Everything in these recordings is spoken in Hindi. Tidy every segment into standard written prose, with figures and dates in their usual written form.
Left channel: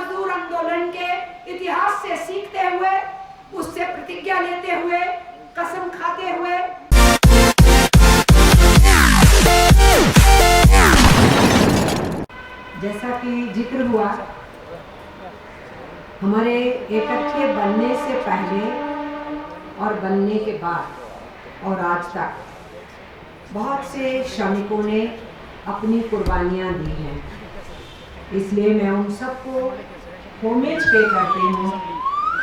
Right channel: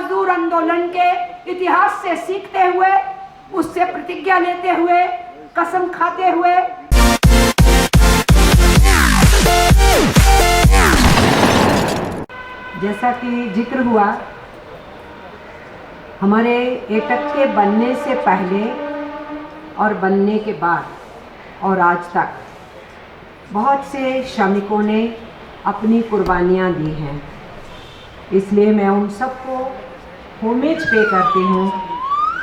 मजदूर आंदोलन के इतिहास से सीखते हुए, उससे प्रतिज्ञा लेते हुए, कसम खाते हुए जैसा कि जिक्र हुआ, हमारे एकट्ठे बनने से पहले और बनने के बाद और आज तक बहुत से श्रमिकों ने अपनी कुर्बानियाँ दी हैं। इसलिए मैं उन सबको होमेज पे करती हूँ,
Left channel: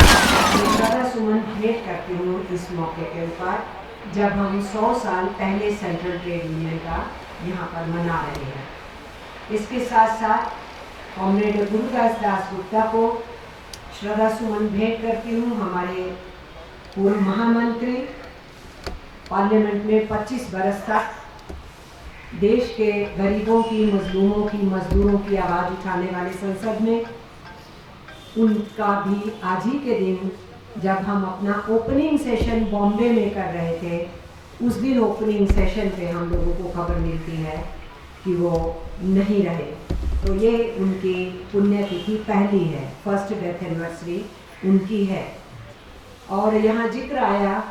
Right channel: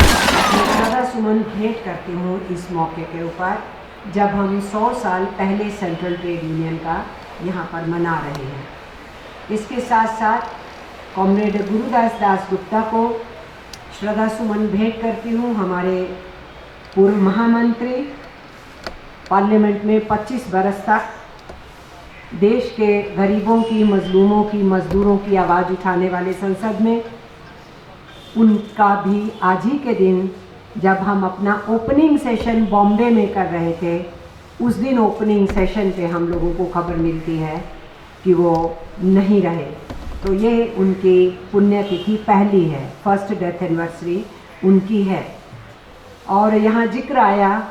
श्रद्धासुमन भेंट करती हूँ इस मौके के ऊपर, जब हम 100 साल पहले सेंट्रल ट्रेड यूनियन का यहाँ पर मना रहे हैं। इसके साथ साथ कॉमरेड गुरुदास दास गुप्ता को श्रद्धासुमन भेंट करती हूँ। हमारे पूर्व महामंत्री, पार्लियामेंट में 25 बरस तक देश के गरीबों की, मजलूमों की, मजदूरों की आवाज़ उठाने वाले संसद में, उनका भी आज ही के दिन जब हम अपना ओपनिंग सेशन बॉम्बे में कर रहे थे, उस दिन ओपनिंग सेशन पे हम लोगों को खबर मिलती है कि वो नहीं रहे। तो ये उनकी पुण्यतिथि पहली है, फर्स्ट डेथ एनिवर्सरी उनकी है। और यहाँ जिक्र आया,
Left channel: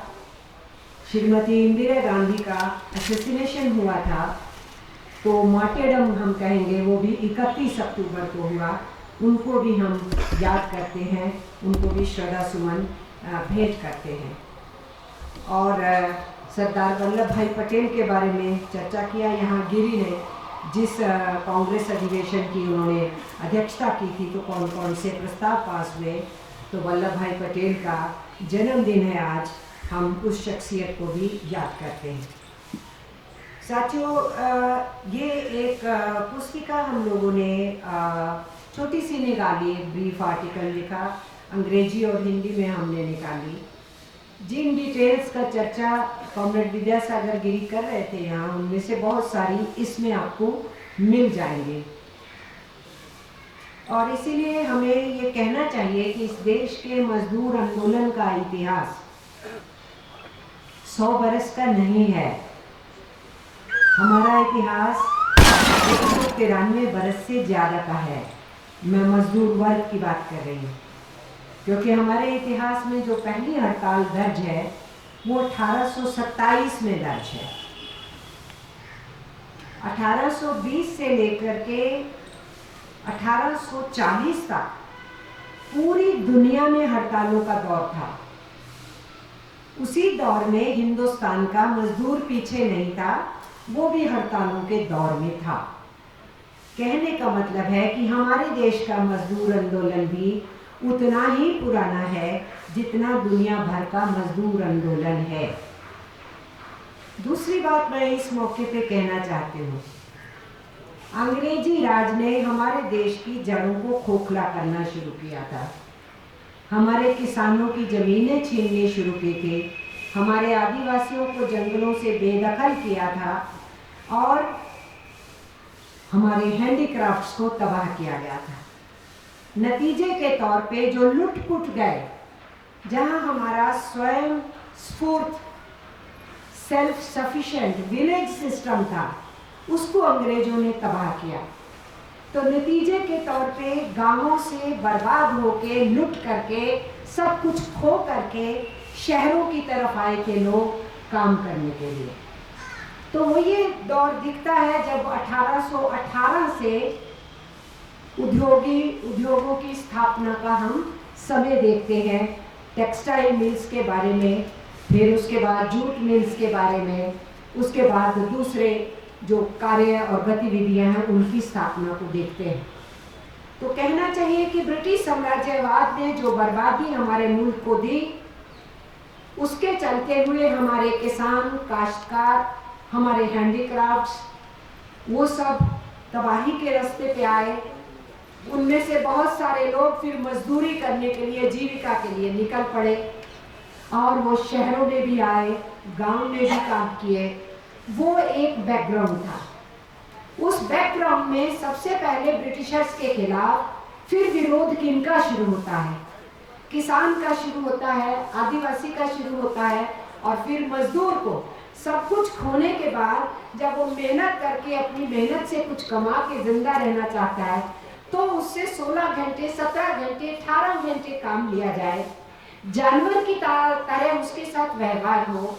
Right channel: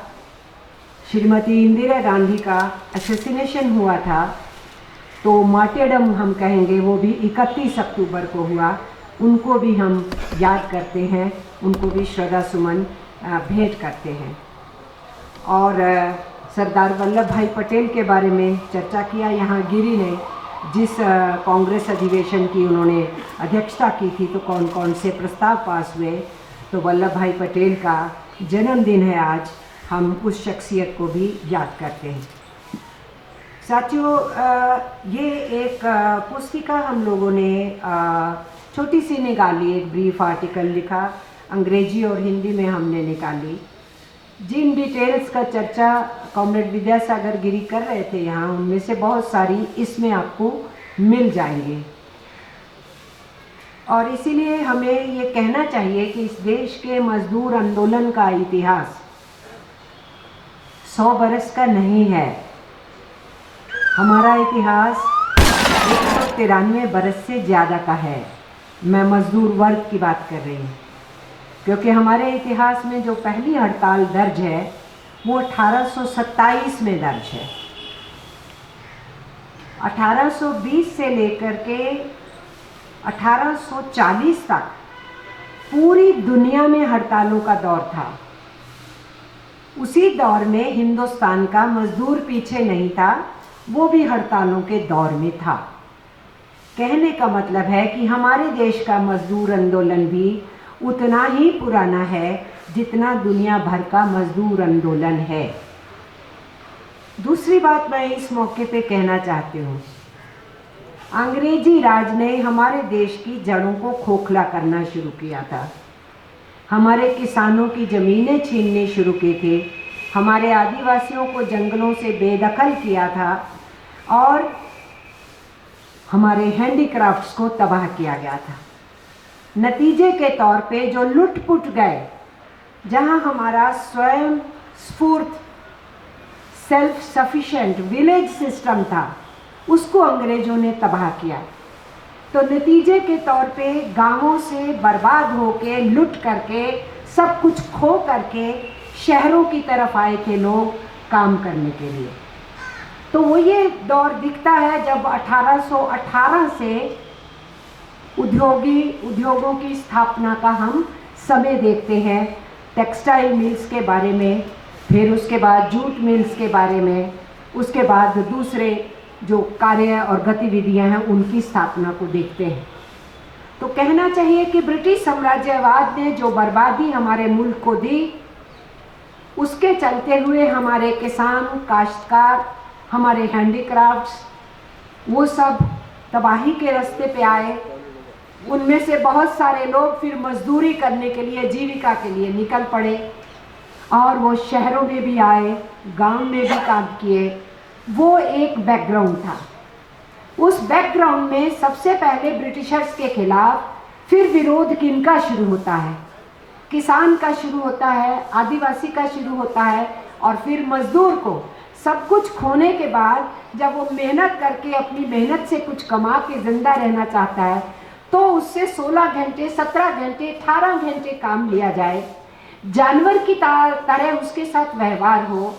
श्रीमती इंदिरा गांधी का असैसिनेशन हुआ था, तो मार्टेडम हम कहेंगे, वो भी 31 अक्टूबर को हुआ। उनको भी हम याद करते हैं, उनको भी श्रद्धा सुमन भेंट करते हैं। और सरदार वल्लभ भाई पटेल के बारे में चर्चा किया यहाँ गिरी ने, जिस कांग्रेस अधिवेशन की उन्होंने अध्यक्षता की थी, तो कौन कौन से प्रस्ताव पास हुए। तो वल्लभ भाई पटेल का जन्मदिन है आज, हम उस शख्सियत को भी याद करते हैं। साथियों, ये एक पुस्तिका हम लोगों ने छोटी सी निकाली, एक ब्रीफ आर्टिकल लिखा, अंग्रेजी और हिंदी में हमने निकाली। जिन डिटेल्स का चर्चा कॉमरेड विद्यासागर गिरी कर रहे थे यहाँ, उनमें से बहुत सारी इसमें आपको मिल जाएंगे। और इसीलिए हमें ये कहना चाहिए कि इस देश के मजदूर आंदोलन का इतिहास 100 बरस का नहीं है। हमारा इतिहास 193 बरस से ज़्यादा का है। मैं मजदूर वर्ग की बात कर रही हूँ, क्योंकि हमारे इतिहास में जो पहली हड़ताल दर्ज है वो 1827 में दर्ज है। 1820 से लेकर के 1840 तक पूरी दुनिया में हड़तालों का दौर था। उसी दौर में हिंदुस्तान का मजदूर पीछे नहीं था, वो भी हड़तालों के दौर में था। कहने का मतलब है कि हमारे देश का मजदूर आंदोलन भी उतना ही पुराना है जितना दुनिया भर का मजदूर आंदोलन है। दूसरी बात मैं इस मौके पे कहना चाहती हूँ, अंग्रेजी राज ने हमारे देश की जड़ों को खोखला करना शुरू किया था। हमारे किसानों की ज़मीनें छीनने शुरू की थी, हमारे आदिवासियों को जंगलों से बेदखल किया था और हमारे हैंडीक्राफ्ट्स को तबाह किया गया था। नतीजे के तौर पे जो लुट-पुट गए, जहां हमारा स्वयं स्फूर्त सेल्फ सफिशिएंट विलेज सिस्टम था, उसको अंग्रेजों ने तबाह किया। तो नतीजे के तौर पे गांवों से बर्बाद होके, लुट करके, सब कुछ खो करके शहरों की तरफ आए थे लोग काम करने के लिए। तो वो ये दौर दिखता है जब 1818 से उद्योगों की स्थापना का हम समय देखते हैं। टेक्सटाइल मिल्स के बारे में, फिर उसके बाद जूट मिल्स के बारे में, उसके बाद दूसरे जो कार्य और गतिविधियां हैं उनकी स्थापना को देखते हैं। तो कहना चाहिए कि ब्रिटिश साम्राज्यवाद ने जो बर्बादी हमारे मुल्क को दी, उसके चलते हुए हमारे किसान, काश्तकार, हमारे हैंडीक्राफ्ट्स, वो सब तबाही के रास्ते पे आए। उनमें से बहुत सारे लोग फिर मजदूरी करने के लिए, जीविका के लिए निकल पड़े और वो शहरों में भी आए, गांव में भी काम किए। वो एक बैकग्राउंड था। उस बैकग्राउंड में सबसे पहले ब्रिटिशर्स के खिलाफ फिर विरोध किनका शुरू होता है? किसान का शुरू होता है, आदिवासी का शुरू होता है, और फिर मजदूर को सब कुछ खोने के बाद जब वो मेहनत करके अपनी मेहनत से कुछ कमा के जिंदा रहना चाहता है, तो उससे 16 घंटे, 17 घंटे, 18 घंटे काम लिया जाए, जानवर की तरह उसके साथ व्यवहार हो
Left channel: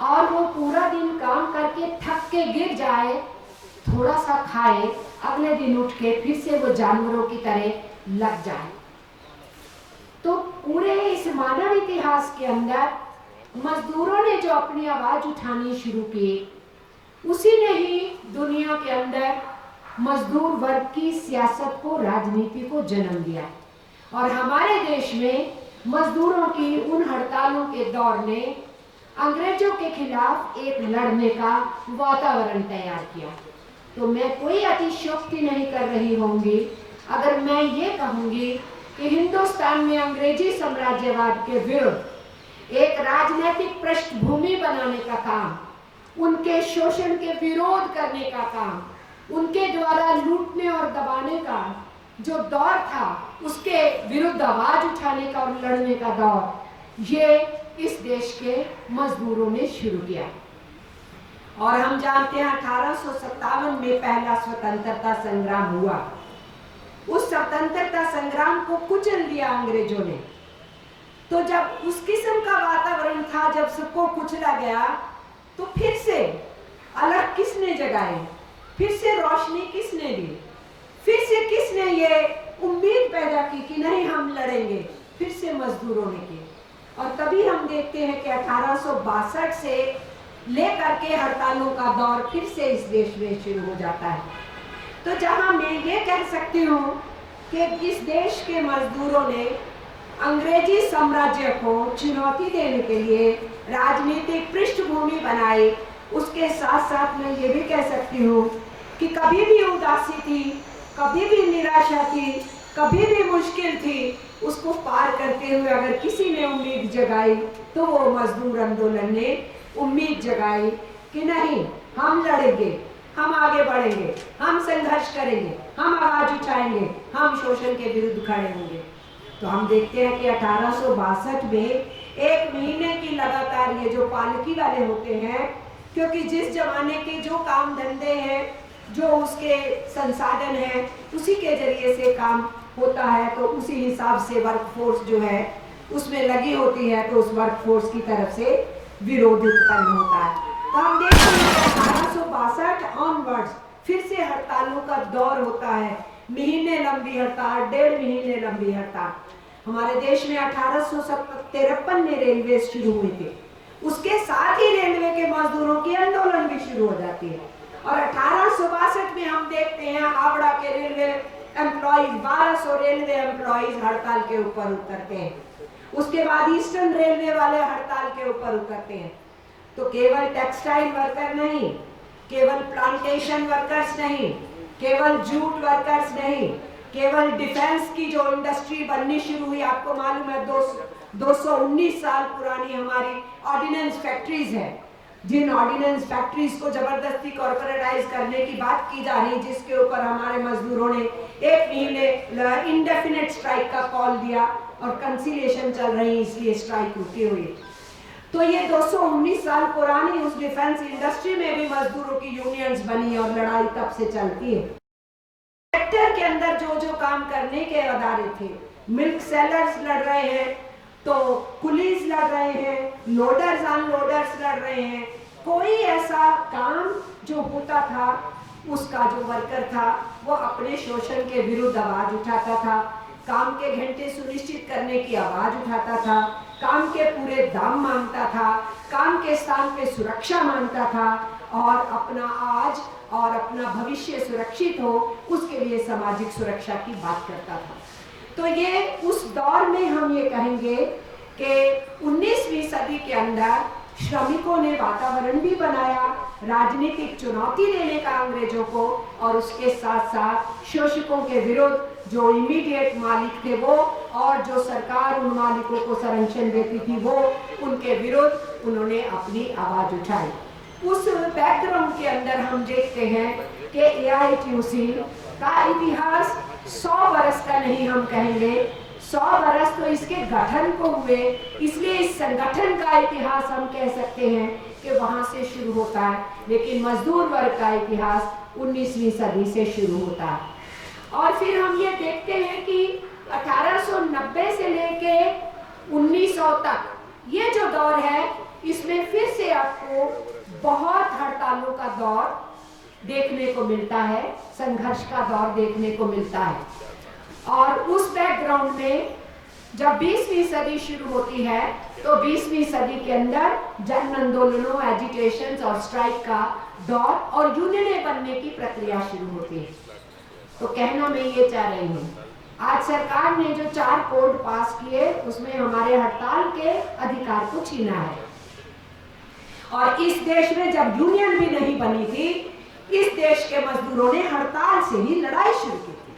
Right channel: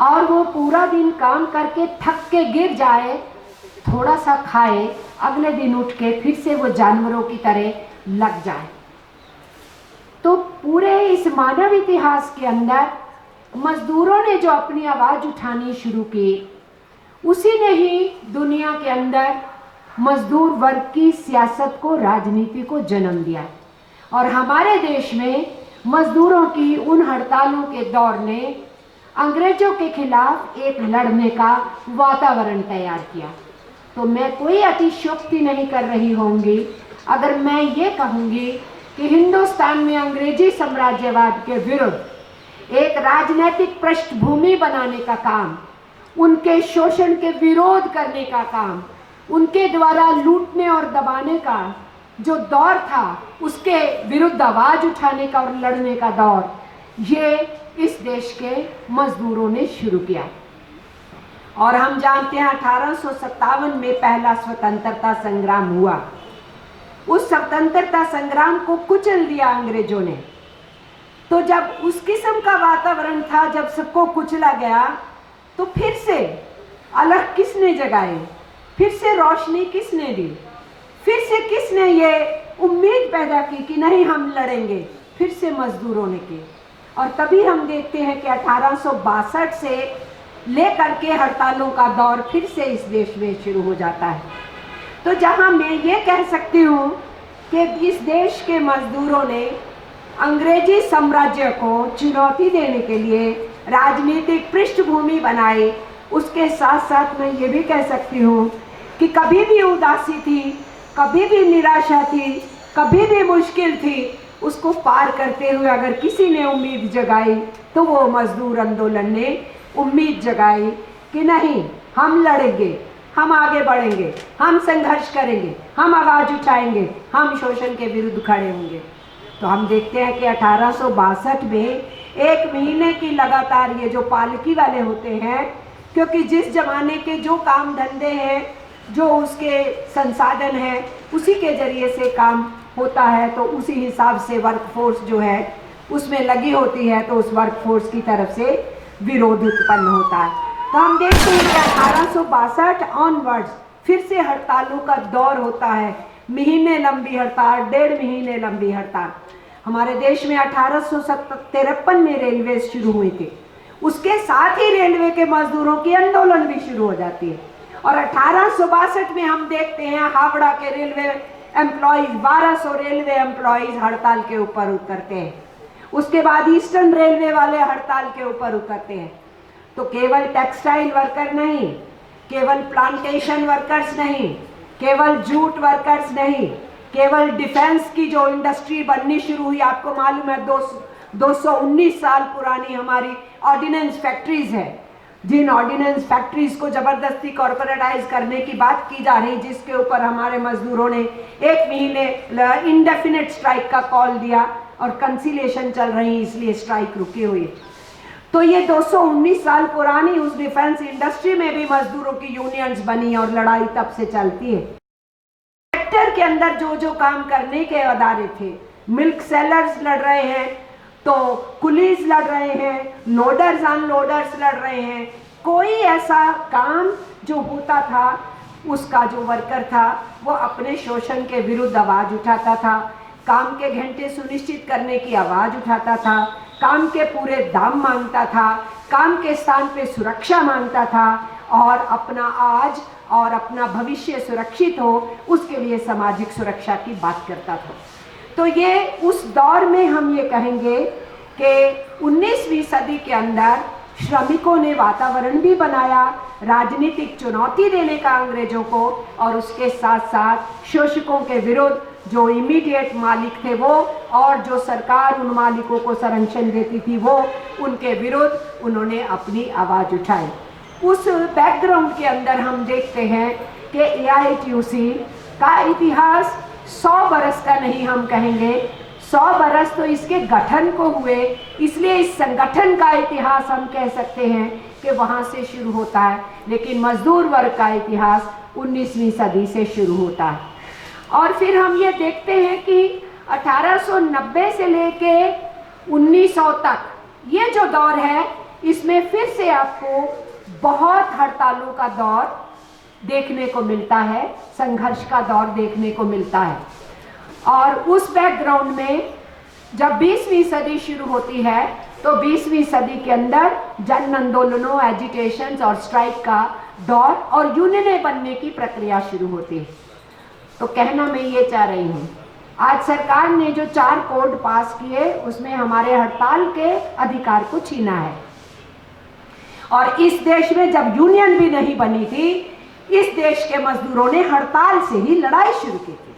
और वो पूरा दिन काम करके थक के गिर जाए, थोड़ा सा खाए, अगले दिन उठ के फिर से वो जानवरों की तरह लग जाए। तो पूरे इस मानव इतिहास के अंदर मजदूरों ने जो अपनी आवाज उठानी शुरू की, उसी ने ही दुनिया के अंदर मजदूर वर्ग की सियासत को, राजनीति को जन्म दिया। और हमारे देश में मजदूरों की उन हड़तालों के दौर ने अंग्रेजों के खिलाफ एक लड़ने का वातावरण तैयार किया। तो मैं कोई अतिशयोक्ति नहीं कर रही होंगी अगर मैं ये कहूँगी कि हिंदुस्तान में अंग्रेजी साम्राज्यवाद के विरुद्ध एक राजनीतिक पृष्ठभूमि बनाने का काम, उनके शोषण के विरोध करने का काम, उनके द्वारा लूटने और दबाने का जो दौर था, उसके विरुद्ध आवाज उठाने का और लड़ने का दौर, ये इस देश के मजदूरों ने शुरू किया। और हम जानते हैं 1857 में पहला स्वतंत्रता संग्राम हुआ। उस स्वतंत्रता संग्राम को कुचल दिया अंग्रेजों ने। तो जब उस किस्म का वातावरण था, जब सबको कुचला गया, तो फिर से अलग किसने जगाए, फिर से रोशनी किसने दी, फिर से किसने ये उम्मीद पैदा की कि नहीं हम लड़ेंगे, फिर से मजदूरों ने की। और तभी हम देखते हैं कि 1862 से लेकर के हड़तालों का दौर फिर से इस देश में शुरू हो जाता है। तो जहां मैं ये कह सकती हूँ कि इस देश के मजदूरों ने अंग्रेजी साम्राज्य को चुनौती देने के लिए राजनीतिक पृष्ठभूमि बनाई, उसके साथ साथ मैं ये भी कह सकती हूँ कि कभी भी उदासी थी, कभी भी निराशा थी, कभी भी मुश्किल थी, उसको पार करते हुए अगर किसी ने उम्मीद जगाई तो वो मजदूर आंदोलन ने उम्मीद जगाई कि नहीं हम लड़ेंगे, हम आगे बढ़ेंगे, हम संघर्ष करेंगे, हम आवाज उठाएंगे, हम शोषण के विरुद्ध खड़े होंगे। तो हम देखते हैं कि 1862 में एक महीने की लगातार ये जो पालकी वाले होते हैं, क्योंकि जिस जमाने के जो काम धंधे हैं, जो उसके संसाधन है, उसी के जरिए से काम होता है, तो उसी हिसाब से वर्कफोर्स जो है उसमें लगी होती है, तो उस वर्कफोर्स की तरफ से विरोध उत्पन्न होता है। तो हम देखते हैं कि 1862 ऑनवर्ड्स फिर से हड़तालों का दौर होता है, महीने लंबी हड़ताल, 1.5 महीने लंबी हड़ताल। हमारे देश में 1853 में रेलवे शुरू हुए थे, उसके साथ ही रेलवे के मजदूरों की आंदोलन भी शुरू हो जाती है। और 1862 में हम देखते हैं हावड़ा के रेलवे एम्प्लॉइज, 1200 रेलवे एम्प्लॉइज हड़ताल के ऊपर उतरते हैं। उसके बाद ईस्टर्न रेलवे वाले हड़ताल के ऊपर उतरते हैं। तो केवल टेक्सटाइल वर्कर नहीं, केवल प्लांटेशन वर्कर्स नहीं, केवल जूट वर्कर्स नहीं, केवल डिफेंस की जो इंडस्ट्री बननी शुरू हुई, आपको मालूम है 219 साल पुरानी हमारी ऑर्डिनेंस फैक्ट्रीज है, जिन ऑर्डिनेंस फैक्ट्रीज को जबरदस्ती कॉर्पोरेटाइज करने की बात की जा रही, जिसके ऊपर हमारे मजदूरों ने 1 महीने इंडेफिनेट स्ट्राइक का कॉल दिया और कंसिलेशन चल रही, इसलिए स्ट्राइक रुकी हुई। तो ये 219 साल पुरानी उस डिफेंस इंडस्ट्री में भी मजदूरों की यूनियंस बनी और लड़ाई तब से चलती है। सेक्टर के अंदर जो जो काम करने के अदारे थे, मिल्क सेलर्स लड़ रहे हैं, तो कुलीज लड़ रहे हैं, लोडर्स अनलोडर्स लड़ रहे हैं। कोई ऐसा काम जो होता था, उसका जो वर्कर था वो अपने शोषण के विरुद्ध आवाज उठाता था, काम के घंटे सुनिश्चित करने की आवाज उठाता था, काम के पूरे दाम मांगता था, काम के स्थान पे सुरक्षा मांगता था, और अपना आज और अपना भविष्य सुरक्षित हो, उसके लिए सामाजिक सुरक्षा की बात करता था। तो ये उस दौर में हम ये कहेंगे कि 19वीं सदी के अंदर श्रमिकों ने वातावरण भी बनाया, राजनीतिक चुनौती देने का अंग्रेजों को, और उसके साथ साथ शोषकों के विरुद्ध जो इमीडिएट मालिक थे वो, और जो सरकार उन मालिकों को संरक्षण देती थी वो, उनके विरुद्ध उन्होंने अपनी आवाज उठाई। उस बैकग्राउंड के अंदर हम देखते हैं कि AITUC का इतिहास 100 बरस का नहीं, हम कहेंगे 100 बरस तो इसके गठन को हुए, इसलिए इस संगठन का इतिहास हम कह सकते हैं कि वहाँ से शुरू होता है, लेकिन मजदूर वर्ग का इतिहास 19वीं सदी से शुरू होता है। और फिर हम ये देखते हैं कि 1890 से लेके 1900 तक ये जो दौर है, इसमें फिर से आपको बहुत हड़तालों का दौर देखने को मिलता है, संघर्ष का दौर देखने को मिलता है। और उस बैकग्राउंड में जब 20वीं सदी शुरू होती है तो 20वीं सदी के अंदर जन आंदोलनों, एजिटेशंस और स्ट्राइक का दौर और यूनियनें बनने की प्रक्रिया शुरू होती है। तो कहना मैं ये चाह रही हूँ, आज सरकार ने जो 4 कोड पास किए उसमें हमारे हड़ताल के अधिकार को छीना है। और इस देश में जब यूनियन भी नहीं बनी थी, इस देश के मजदूरों ने हड़ताल से ही लड़ाई शुरू की थी।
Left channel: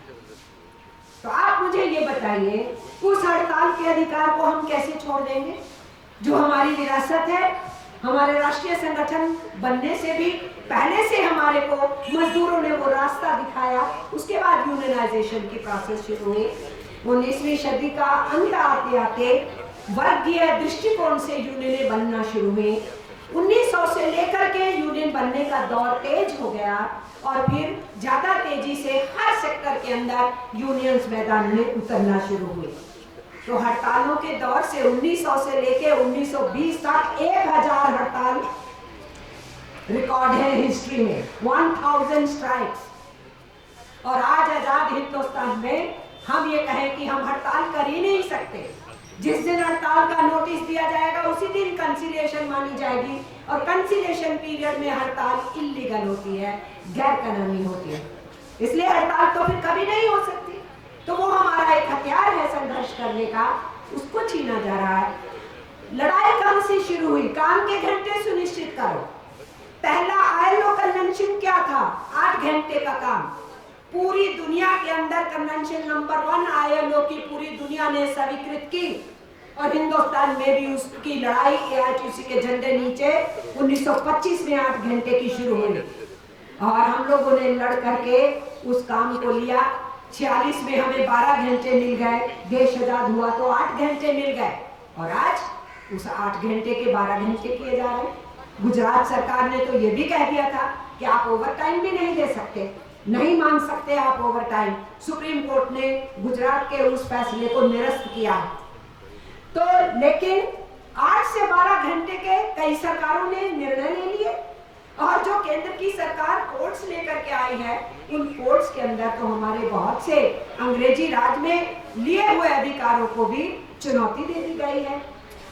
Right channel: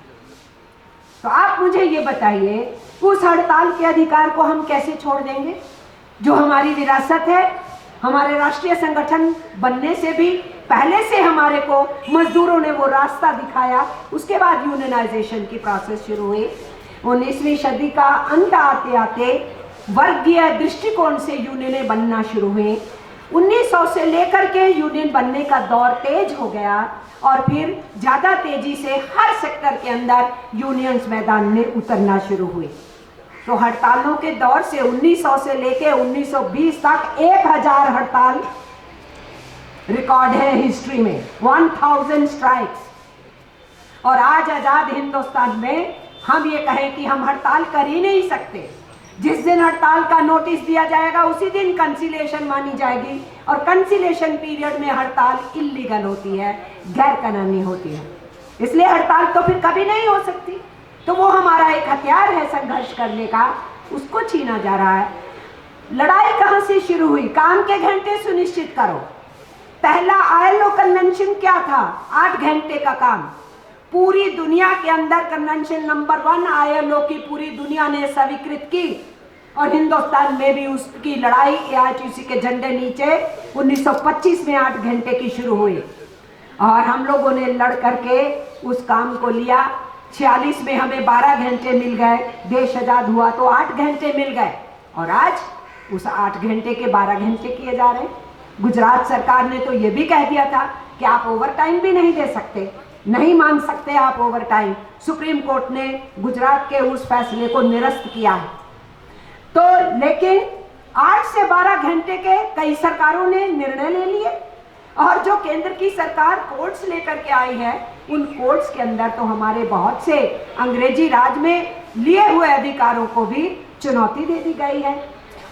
तो आप मुझे ये बताइए, उस हड़ताल के अधिकार को हम कैसे छोड़ देंगे, जो हमारी विरासत है। हमारे राष्ट्रीय संगठन बनने से भी पहले से हमारे को मजदूरों ने वो रास्ता दिखाया, उसके बाद यूनियनाइजेशन की प्रोसेस शुरू हुई। 19वीं सदी का अंत आते आते वर्गीय दृष्टिकोण से यूनियनें बनना शुरू हुई। 1900 से लेकर के यूनियन बनने का दौर तेज हो गया और फिर ज्यादा तेजी से हर सेक्टर के अंदर यूनियंस मैदान में उतरना शुरू हुए। तो हड़तालों के दौर से 1900 से लेके 1920 तक 1000 हड़ताल रिकॉर्ड है हिस्ट्री में, 1000 स्ट्राइक्स। और आज आजाद हिंदुस्तान में हम ये कहें कि हम हड़ताल कर ही नहीं सकते। जिस दिन हड़ताल का नोटिस दिया जाएगा उसी दिन कंसिलिएशन मानी जाएगी, और कंसिलिएशन पीरियड में हड़ताल इल्लीगल होती है, गैर कानूनी होती है। इसलिए हड़ताल तो फिर कभी नहीं हो सकती। तो वो हमारा एक हथियार है संघर्ष करने का, उसको छीना जा रहा है। लड़ाई कहां से शुरू हुई? काम के घंटे सुनिश्चित करो। पहला ILO कन्वेंशन क्या था? 8 घंटे का काम। पूरी दुनिया के अंदर कन्वेंशन नंबर 1 ILO की पूरी दुनिया ने स्वीकृत की, और हिंदुस्तान में भी उसकी लड़ाई AITC के झंडे नीचे 1925 में 8 घंटे की शुरू हुई। और हम लोगों ने लड़ करके उस काम को लिया। 46 में हमें 12 घंटे मिल गए, देश आजाद हुआ तो 8 घंटे मिल गए, और आज उस 8 घंटे के 12 घंटे किए जा रहे हैं। गुजरात सरकार ने तो ये भी कह दिया था कि आप ओवर टाइम भी नहीं दे सकते, नहीं मान सकते आप ओवर टाइम। सुप्रीम कोर्ट ने गुजरात के उस फैसले को निरस्त किया है। तो लेकिन 8 से 12 घंटे के कई सरकारों ने निर्णय ले लिए, और जो केंद्र की सरकार कोर्ट्स लेकर के आई है, उन कोर्ट्स के अंदर तो हमारे बहुत से अंग्रेजी राज में लिए हुए अधिकारों को भी चुनौती दे दी गई है।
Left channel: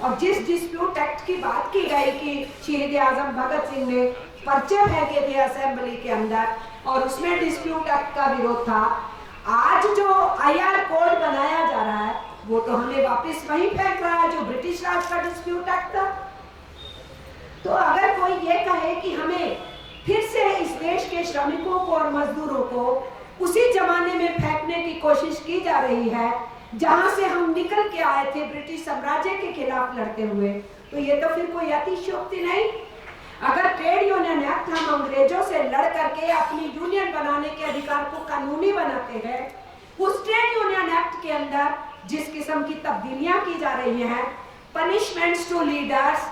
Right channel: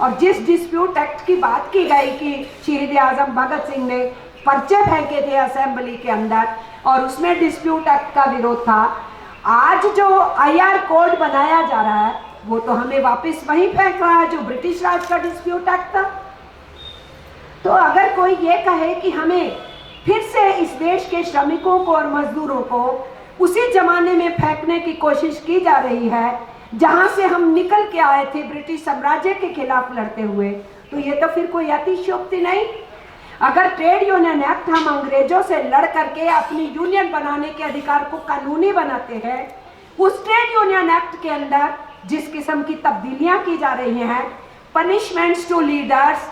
और जिस डिस्प्यूट एक्ट की बात की गई कि शहीद आजम भगत सिंह ने पर्चे फेंके थे असेंबली के अंदर, और उसमें डिस्प्यूट एक्ट का विरोध था, आज जो IR कोड बनाया जा रहा है वो तो हमें वापस वहीं फेंक रहा है जो ब्रिटिश राज का डिस्प्यूट एक्ट था। तो अगर कोई ये कहे कि हमें फिर से इस देश के श्रमिकों को और मजदूरों को उसी जमाने में फेंकने की कोशिश की जा रही है जहां से हम निकल के आए थे ब्रिटिश साम्राज्य के खिलाफ लड़ते हुए, तो ये तो फिर कोई अतिशयोक्ति नहीं। अगर ट्रेड यूनियन एक्ट हम अंग्रेजों से लड़ करके अपनी यूनियन बनाने के अधिकार को कानूनी बनाते हैं, उस ट्रेड यूनियन एक्ट के अंदर जिस किस्म की तब्दीलियां की जा रही हैं, पनिशमेंट्स टू लीडर्स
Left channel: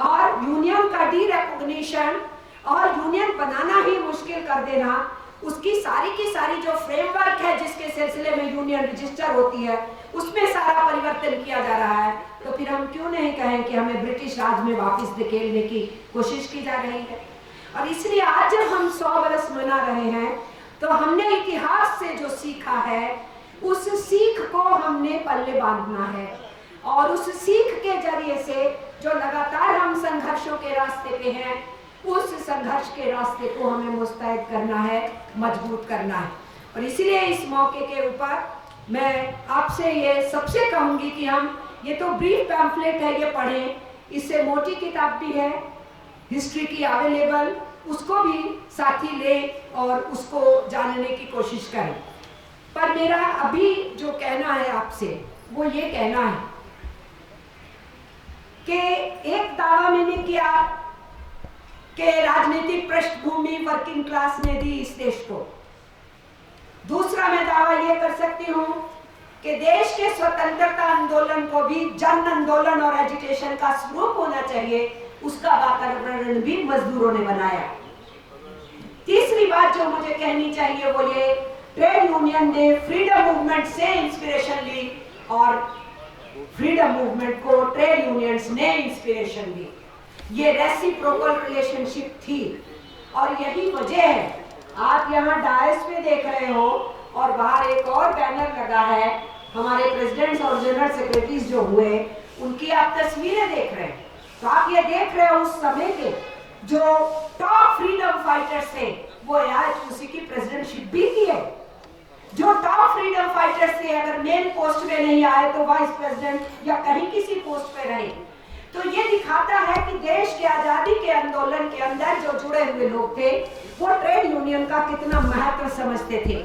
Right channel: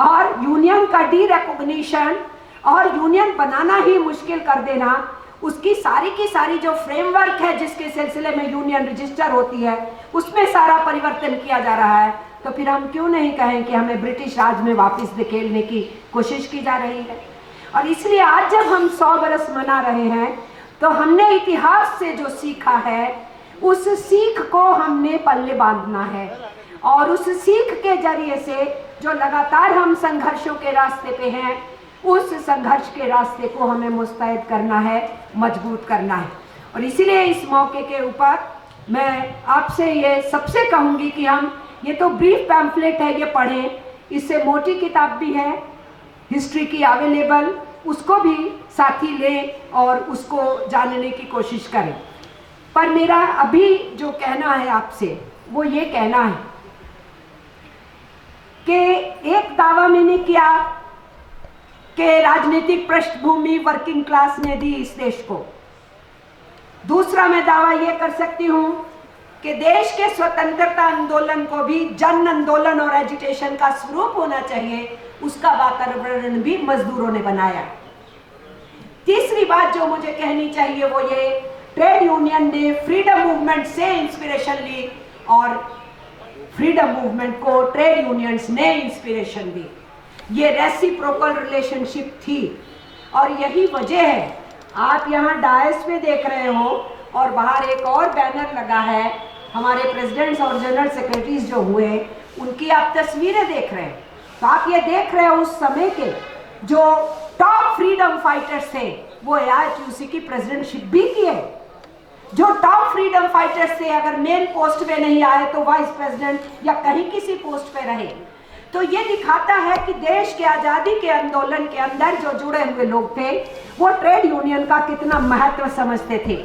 और यूनियन का डी-रिकॉग्निशन और यूनियन बनाना ही मुश्किल कर देना, उसकी सारी की सारी जो फ्रेमवर्क है जिसके सिलसिले में यूनियन रजिस्टर होती है, उसमें सारा परिवर्तन किया जा रहा है। तो फिर हम क्यों नहीं कहें कि हमें ब्रिटिश राज में वापस धकेलने की कोशिश की जा रही है। और इसलिए आज जब हम 100 बरस मना रहे हैं, तो हमने इतिहास से जो सीखा है उस सीख को हमने पल्ले बांधना है, और उस सीख के जरिए से जो लगातार हम संघर्षों के रास्ते पे हैं, उस संघर्ष के रास्ते को हमें मुस्तैद करना है, मजबूत करना है। और इसीलिए इस मौके के ऊपर मैं आपसे ये सबसे कहूँगी कि हम ये तो ब्रीफ पैम्फलेट है, ये पढ़ें। इससे मोटी किताब भी है हिस्ट्री की अवेलेबल, उसको भी साथी लें और उसको जानने की कोशिश करें। पर मेरा अभी जो कहना है आपसे वो ये कहना है कि एक दावा मैंने किया कि राजनीतिक पृष्ठभूमि वर्किंग क्लास ने दी इस देश को। दूसरा मैं दावा ये कर सकती हूँ कि देश के स्वतंत्रता आंदोलन को भी जन आंदोलन और एजिटेशन का स्वरूप होना चाहिए, उसका वातावरण भी मजदूरों ने बनाया। तीसरी बात जो मुझे कहनी चाहिए वो ये, ट्रेड यूनियन ने फ्रीडम मूवमेंट से इंस्पिरेशन ली और फ्रीडम मूवमेंट को ट्रेड यूनियंस ने इंस्पिरेशन दी। ये रेसिप्रोकल रिलेशनशिप थी और यही वजह है आप यहाँ डायस पे देख रहे हो और बाहर एक और बैनर लगा है, हमारे प्रेसिडेंट्स और जनरल सेक्रेटरीज जो हुए उनकी आप तस्वीरें देख रहे हैं। तो आप ये देख रहे हो उस समय के जो टॉप फ्रीडम फाइटर्स थे वो AITUC की प्रेसिडेंटशिप भी किए। जो टॉप फ्रीडम फाइटर्स थे अगर मेन पोस्ट पे नहीं आए तो वाइस प्रेसिडेंट या कहीं किसी पोस्ट पे रहे। तो ये दिखाता है कि देश के आजादी के आंदोलन के अंदर जो जुड़े हुए लोग थे वो ट्रेड यूनियन का कितना महत्व समझते थे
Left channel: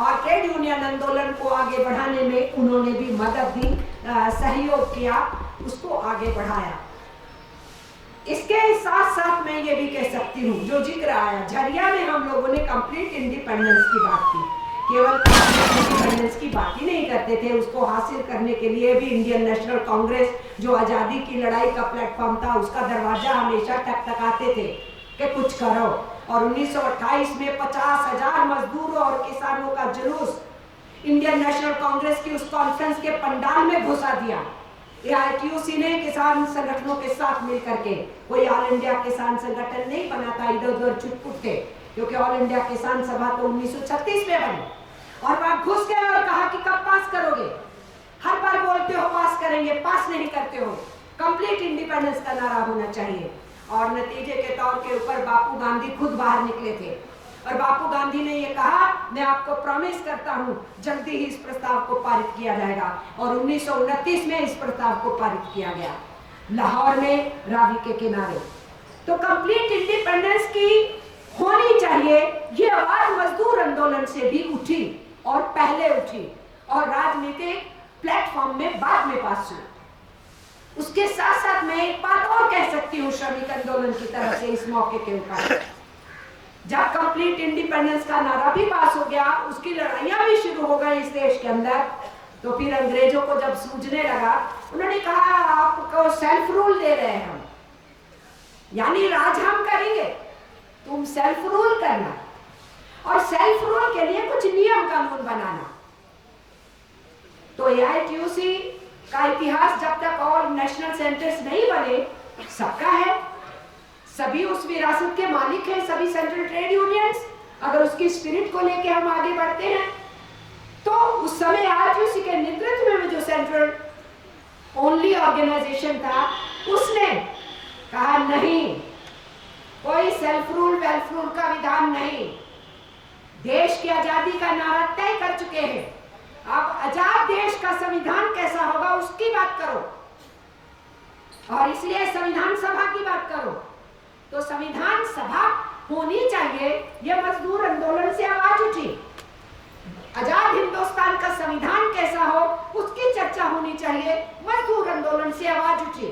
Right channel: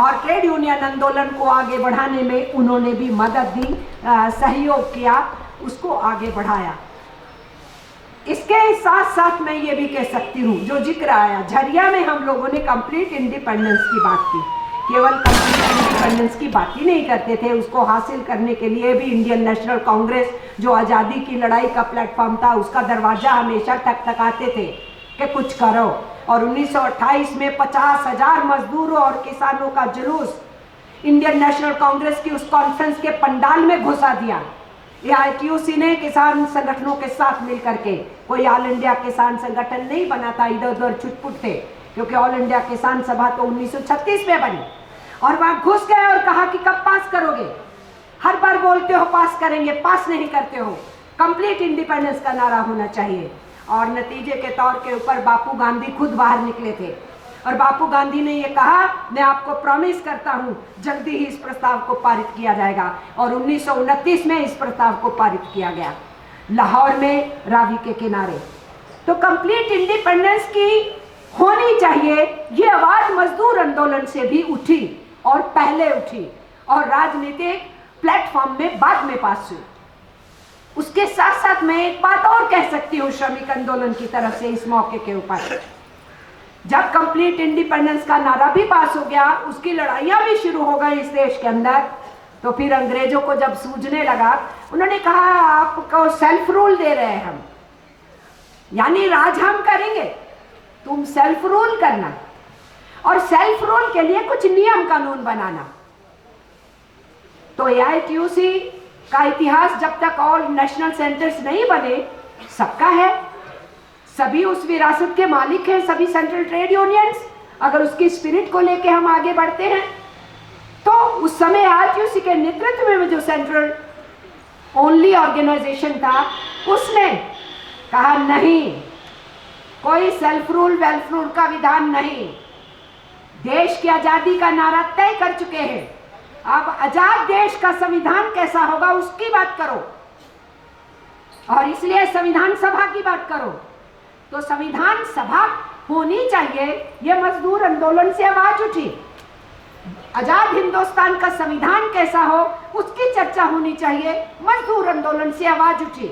और ट्रेड यूनियन आंदोलन को आगे बढ़ाने में उन्होंने भी मदद दी, सहयोग किया, उसको आगे बढ़ाया। इसके साथ साथ मैं ये भी कह सकती हूँ जो जिक्र आया, झरिया में हम लोगों ने कंप्लीट इंडिपेंडेंस की बात की, केवल इंडिपेंडेंस की बात ही नहीं करते थे, उसको हासिल करने के लिए भी इंडियन नेशनल कांग्रेस जो आज़ादी की लड़ाई का प्लेटफॉर्म था उसका दरवाजा हमेशा टकटकाते थे कि कुछ करो। और 1928 में 50,000 मजदूरों और किसानों का जुलूस इंडियन नेशनल कांग्रेस की उस कॉन्फ्रेंस के पंडाल में घुसा दिया। AITUC ने किसान संगठनों के साथ मिलकर के, कोई ऑल इंडिया किसान संगठन नहीं बना था, इधर उधर छुटपुट थे, क्योंकि ऑल इंडिया किसान सभा तो 1936 में बनी और वहां घुस गए और कहा कि कब पास करोगे, हर बार बोलते हो पास करेंगे, पास नहीं करते हो, कंप्लीट इंडिपेंडेंस का नारा होना चाहिए। और नतीजे के तौर के ऊपर बापू गांधी खुद बाहर निकले थे और बापू गांधी ने ये कहा, मैं आपको प्रॉमिस करता हूं जल्दी ही इस प्रस्ताव को पारित किया जाएगा और 1929 में इस प्रस्ताव को पारित किया गया लाहौर में रावी के किनारे। तो कंप्लीट इंडिपेंडेंस की होनी चाहिए, ये आवाज मजदूर आंदोलन से भी उठी और पहले उठी और राजनीतिक प्लेटफॉर्म में बाद में पास हुई। उसके साथ साथ मैं एक बात और कह सकती हूँ श्रमिक आंदोलन की तरफ से इस मौके के ऊपर, जब कंप्लीट इंडिपेंडेंस का नारा भी पास हो गया, उसकी लड़ाइयां भी शुरू हो गई इस देश के अंदर, तो फिर अंग्रेजों को जब सूझने लगा उन्होंने कहा आपको सेल्फ रूल दे रहे हैं हम, यानी राज हम करेंगे, तुम सेल्फ रूल करना और सेल्फ रूल के लिए कुछ नियम कानून बनाना। तो AITUC का इतिहास जब तक ऑल नेशनल सेंटर्स नहीं बने सबका है, सभी उस विरासत के मालिक हैं, सभी सेंट्रल ट्रेड यूनियंस। अगर उसकी स्पिरिट को लेके हम आगे बढ़ते हैं तो उस समय AITUC के नेतृत्व में जो सेंट्रल ओनली ऑर्गेनाइजेशन था उसने कहा नहीं, कोई सेल्फ रूल वेल्फ रूल का विधान नहीं, देश की आजादी का नारा तय कर चुके हैं, अब आजाद देश का संविधान कैसा होगा उसकी बात करो और इसलिए संविधान सभा की बात करो। तो संविधान सभा होनी चाहिए, यह मजदूर आंदोलन से आवाज उठी। आजाद हिंदुस्तान का संविधान कैसा हो उसकी चर्चा होनी चाहिए, मजदूर आंदोलन से आवाज उठी।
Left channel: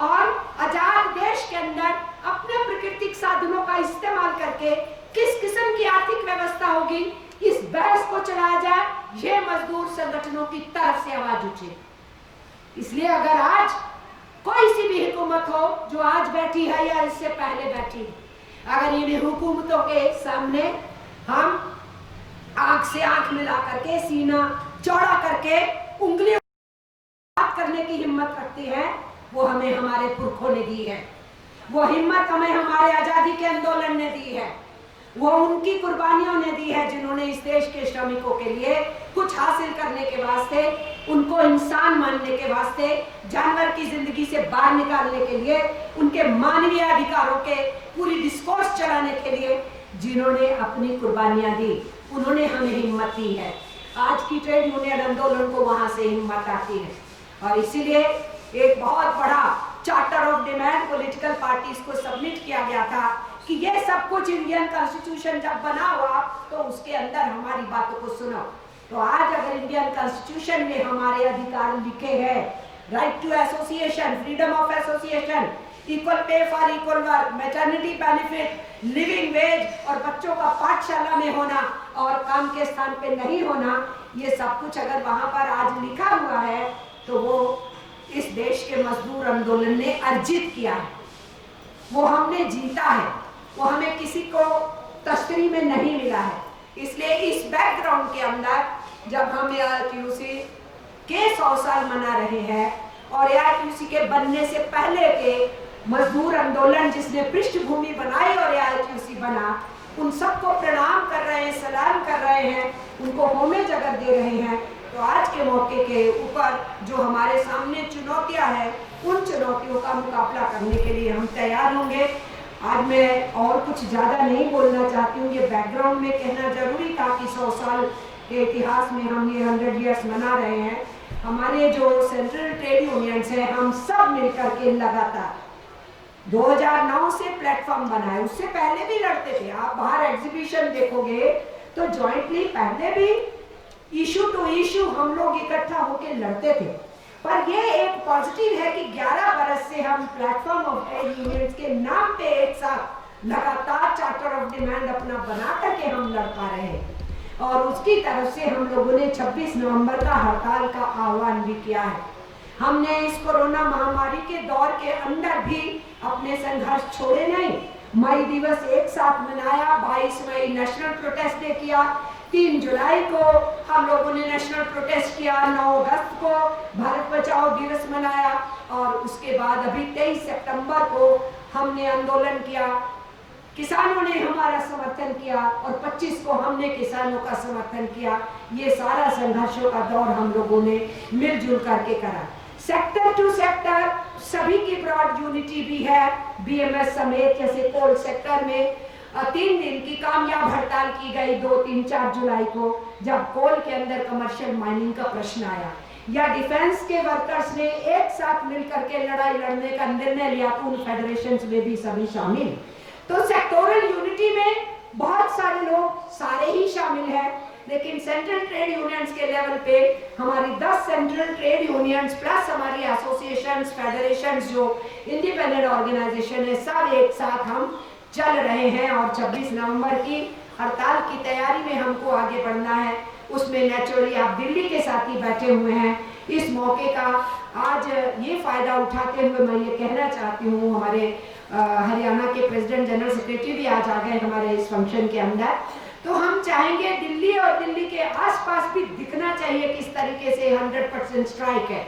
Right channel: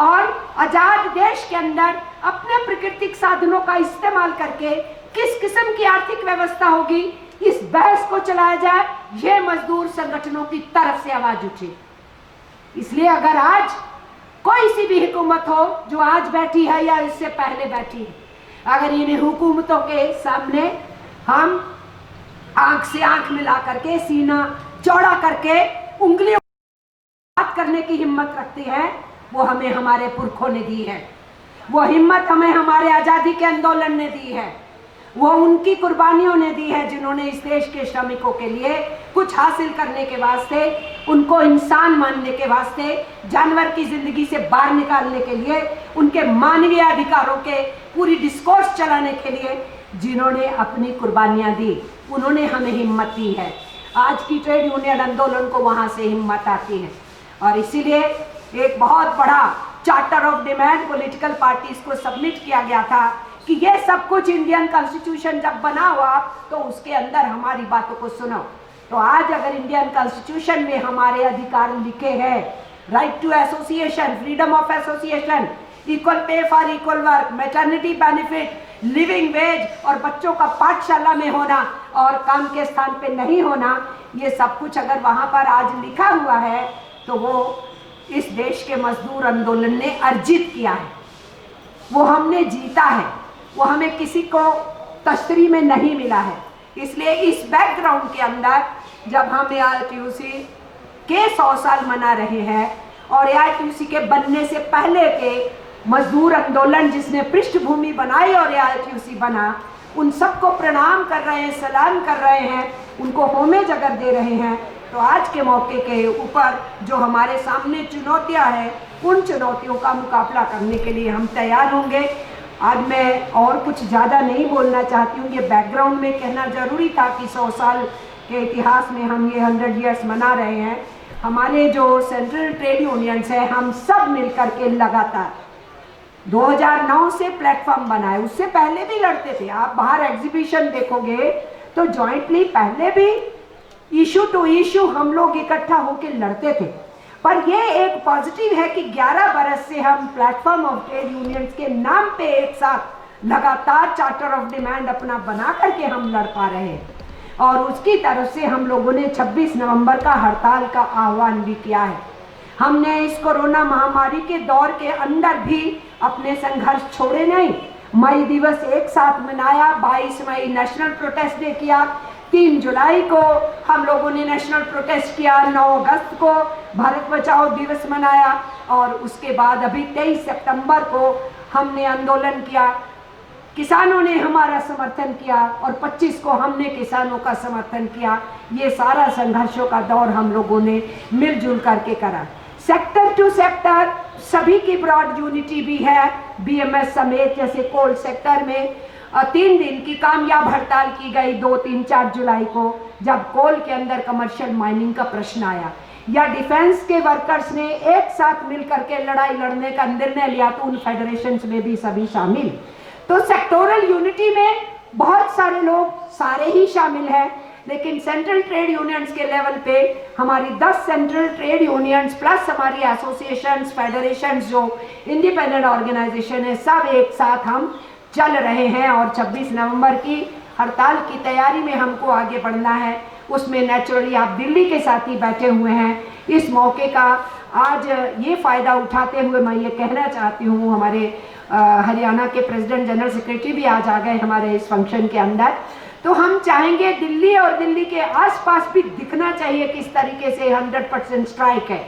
और आजाद देश के अंदर अपने प्राकृतिक साधनों का इस्तेमाल करके किस किस्म की आर्थिक व्यवस्था होगी, इस बहस को चलाया जाए, यह मजदूर संगठनों की तरफ से आवाज उठी। इसलिए अगर आज कोई सी भी हुकूमत हो जो आज बैठी है या इससे पहले बैठी है, अगर इन हुकूमतों के सामने हम आंख से आंख मिला करके, सीना चौड़ा करके उंगलियों बात करने की हिम्मत रखते हैं, वो हमें हमारे पुरखों ने दी है, वो हिम्मत हमें हमारे आजादी के आंदोलन ने दी है, वो उनकी कुर्बानियों ने दी है जिन्होंने इस देश के श्रमिकों के लिए कुछ हासिल करने के वास्ते, उनको इंसान मानने के वास्ते, जानवर की जिंदगी से बाहर निकालने के लिए, उनके मानवीय अधिकारों के पूरी डिस्कोर्स चलाने के लिए जिन्होंने अपनी कुर्बानियां दी, उन्होंने हमें हिम्मत दी है। आज की ट्रेड यूनियन आंदोलन को वहां से हिम्मत आती है और इसीलिए एक बहुत बड़ा charter of demand political parties को सबमिट किया गया था कि ये सब कुछ इंडियन कॉन्स्टिट्यूशन जब बना हुआ तो उसके अंदर हमारी बातों को सुनो। तो आज अगर इंडियन कॉन्स्टिट्यूशन में हमारे अधिकार लिखे हैं, right to association, freedom of association, equal pay for equal work, maternity benefit, living wage और बच्चों का पाठशाला में होना और काम के स्थान पे नहीं होना, ये सब कुछ अगर वहां पर आज लिखा हुआ है तो वो इस देश के मजदूर आंदोलन ने अर्जित किया है, वो हमने जीता है, वो हमें किसी को तश्तरी में नहीं मिला है। इसलिए इस बैकग्राउंड के अंदर जब हम AITUC के 100 साल मना रहे हैं और AITUC के बनने से पहले के मजदूर आंदोलन जिसने पृष्ठभूमि बनाई और AITUC बना, उन सबको प्रणाम कर रहे हैं, सलाम कर रहे हैं, उनको होमेज अगर दे रहे हैं, तो आज के मौके के ऊपर जो हमारे सामने चुनौतियां हैं, उन चुनौतियों का मुकाबला करने के लिए हम तैयार होंगे। आज मैं और कुछ ज़्यादा नहीं बोलना चाहती हूँ, ये बैकग्राउंड में कहना ज़रूरी था कि 100 साल के इतिहास में हम ये 100 ईयर्स मना रहे हैं। हमारे जो सेंट्रल ट्रेड यूनियंस हैं, हम सब मिलकर के लगातार 2009 से प्लेटफॉर्म बनाए, उससे पहले भी लड़ते थे। आप बाहर एग्जीबिशन देखोगे तो जॉइंटली पहले भी इशू टू इशू हम लोग इकट्ठा होकर लड़ते थे। पर ये एक पॉजिटिव है कि 11 बरस से हम प्लेटफॉर्म ऑफ ट्रेड यूनियंस के नाम पे एक साथ लगातार चार्टर ऑफ डिमांड अपना बना करके हम लड़ पा रहे हैं। और उसकी तरफ से हम लोगों ने 26 नवंबर का हड़ताल का आह्वान भी किया है। हमने इस कोरोना महामारी के दौर के अंदर भी अपने संघर्ष छोड़े नहीं। मई दिवस एक साथ मनाया, 22 मई नेशनल प्रोटेस्ट डे किया, 3 जुलाई को हम लोगों ने नेशनल प्रोटेस्ट किया, 9 अगस्त को भारत बचाओ दिवस मनाया और उसके बाद अभी 23 सितंबर को हमने आंदोलन किया। किसानों ने हमारा समर्थन किया और 25 को हमने किसानों का समर्थन किया। ये सारा संघर्षों का दौर हम लोगों ने मिलजुल करके करा। सेक्टर टू सेक्टर सभी की ब्रॉड यूनिटी भी है। BMS समेत जैसे कोल सेक्टर में 3 दिन की कामयाब हड़ताल की गई 2, 3, 4 जुलाई को, जब कोल के अंदर कमर्शियल माइनिंग का प्रश्न आया, या डिफेंस के वर्कर्स ने एक साथ मिलकर के लड़ाई लड़ने का निर्णय लिया, तो उन फेडरेशंस में भी सभी शामिल। तो सेक्टोरल यूनिटी में बहुत सारे लोग सारे ही शामिल हैं, लेकिन सेंट्रल ट्रेड यूनियंस के लेवल पे हमारी 10 सेंट्रल ट्रेड यूनियंस प्लस हमारी एसोसिएशंस, फेडरेशंस जो इंडिपेंडेंट ऑर्गेनाइजेशन है, सब एक साथ हम चल रहे हैं। और 26 नवंबर की हड़ताल की तैयारी में हमको आगे बढ़ना है। उसमें नेचुरली आप दिल्ली के साथ ही बैठे हुए हैं। इस मौके का आज ये फ़ायदा उठाते हुए मैं ये कहना चाहती हूँ, हमारे हरियाणा के प्रेसिडेंट जनरल सेक्रेटरी भी आज आ गए हमारे इस फंक्शन के अंदर। तो हम चाहेंगे दिल्ली और दिल्ली के आसपास भी दिखना चाहिए किस तरीके से 100% स्ट्राइक है।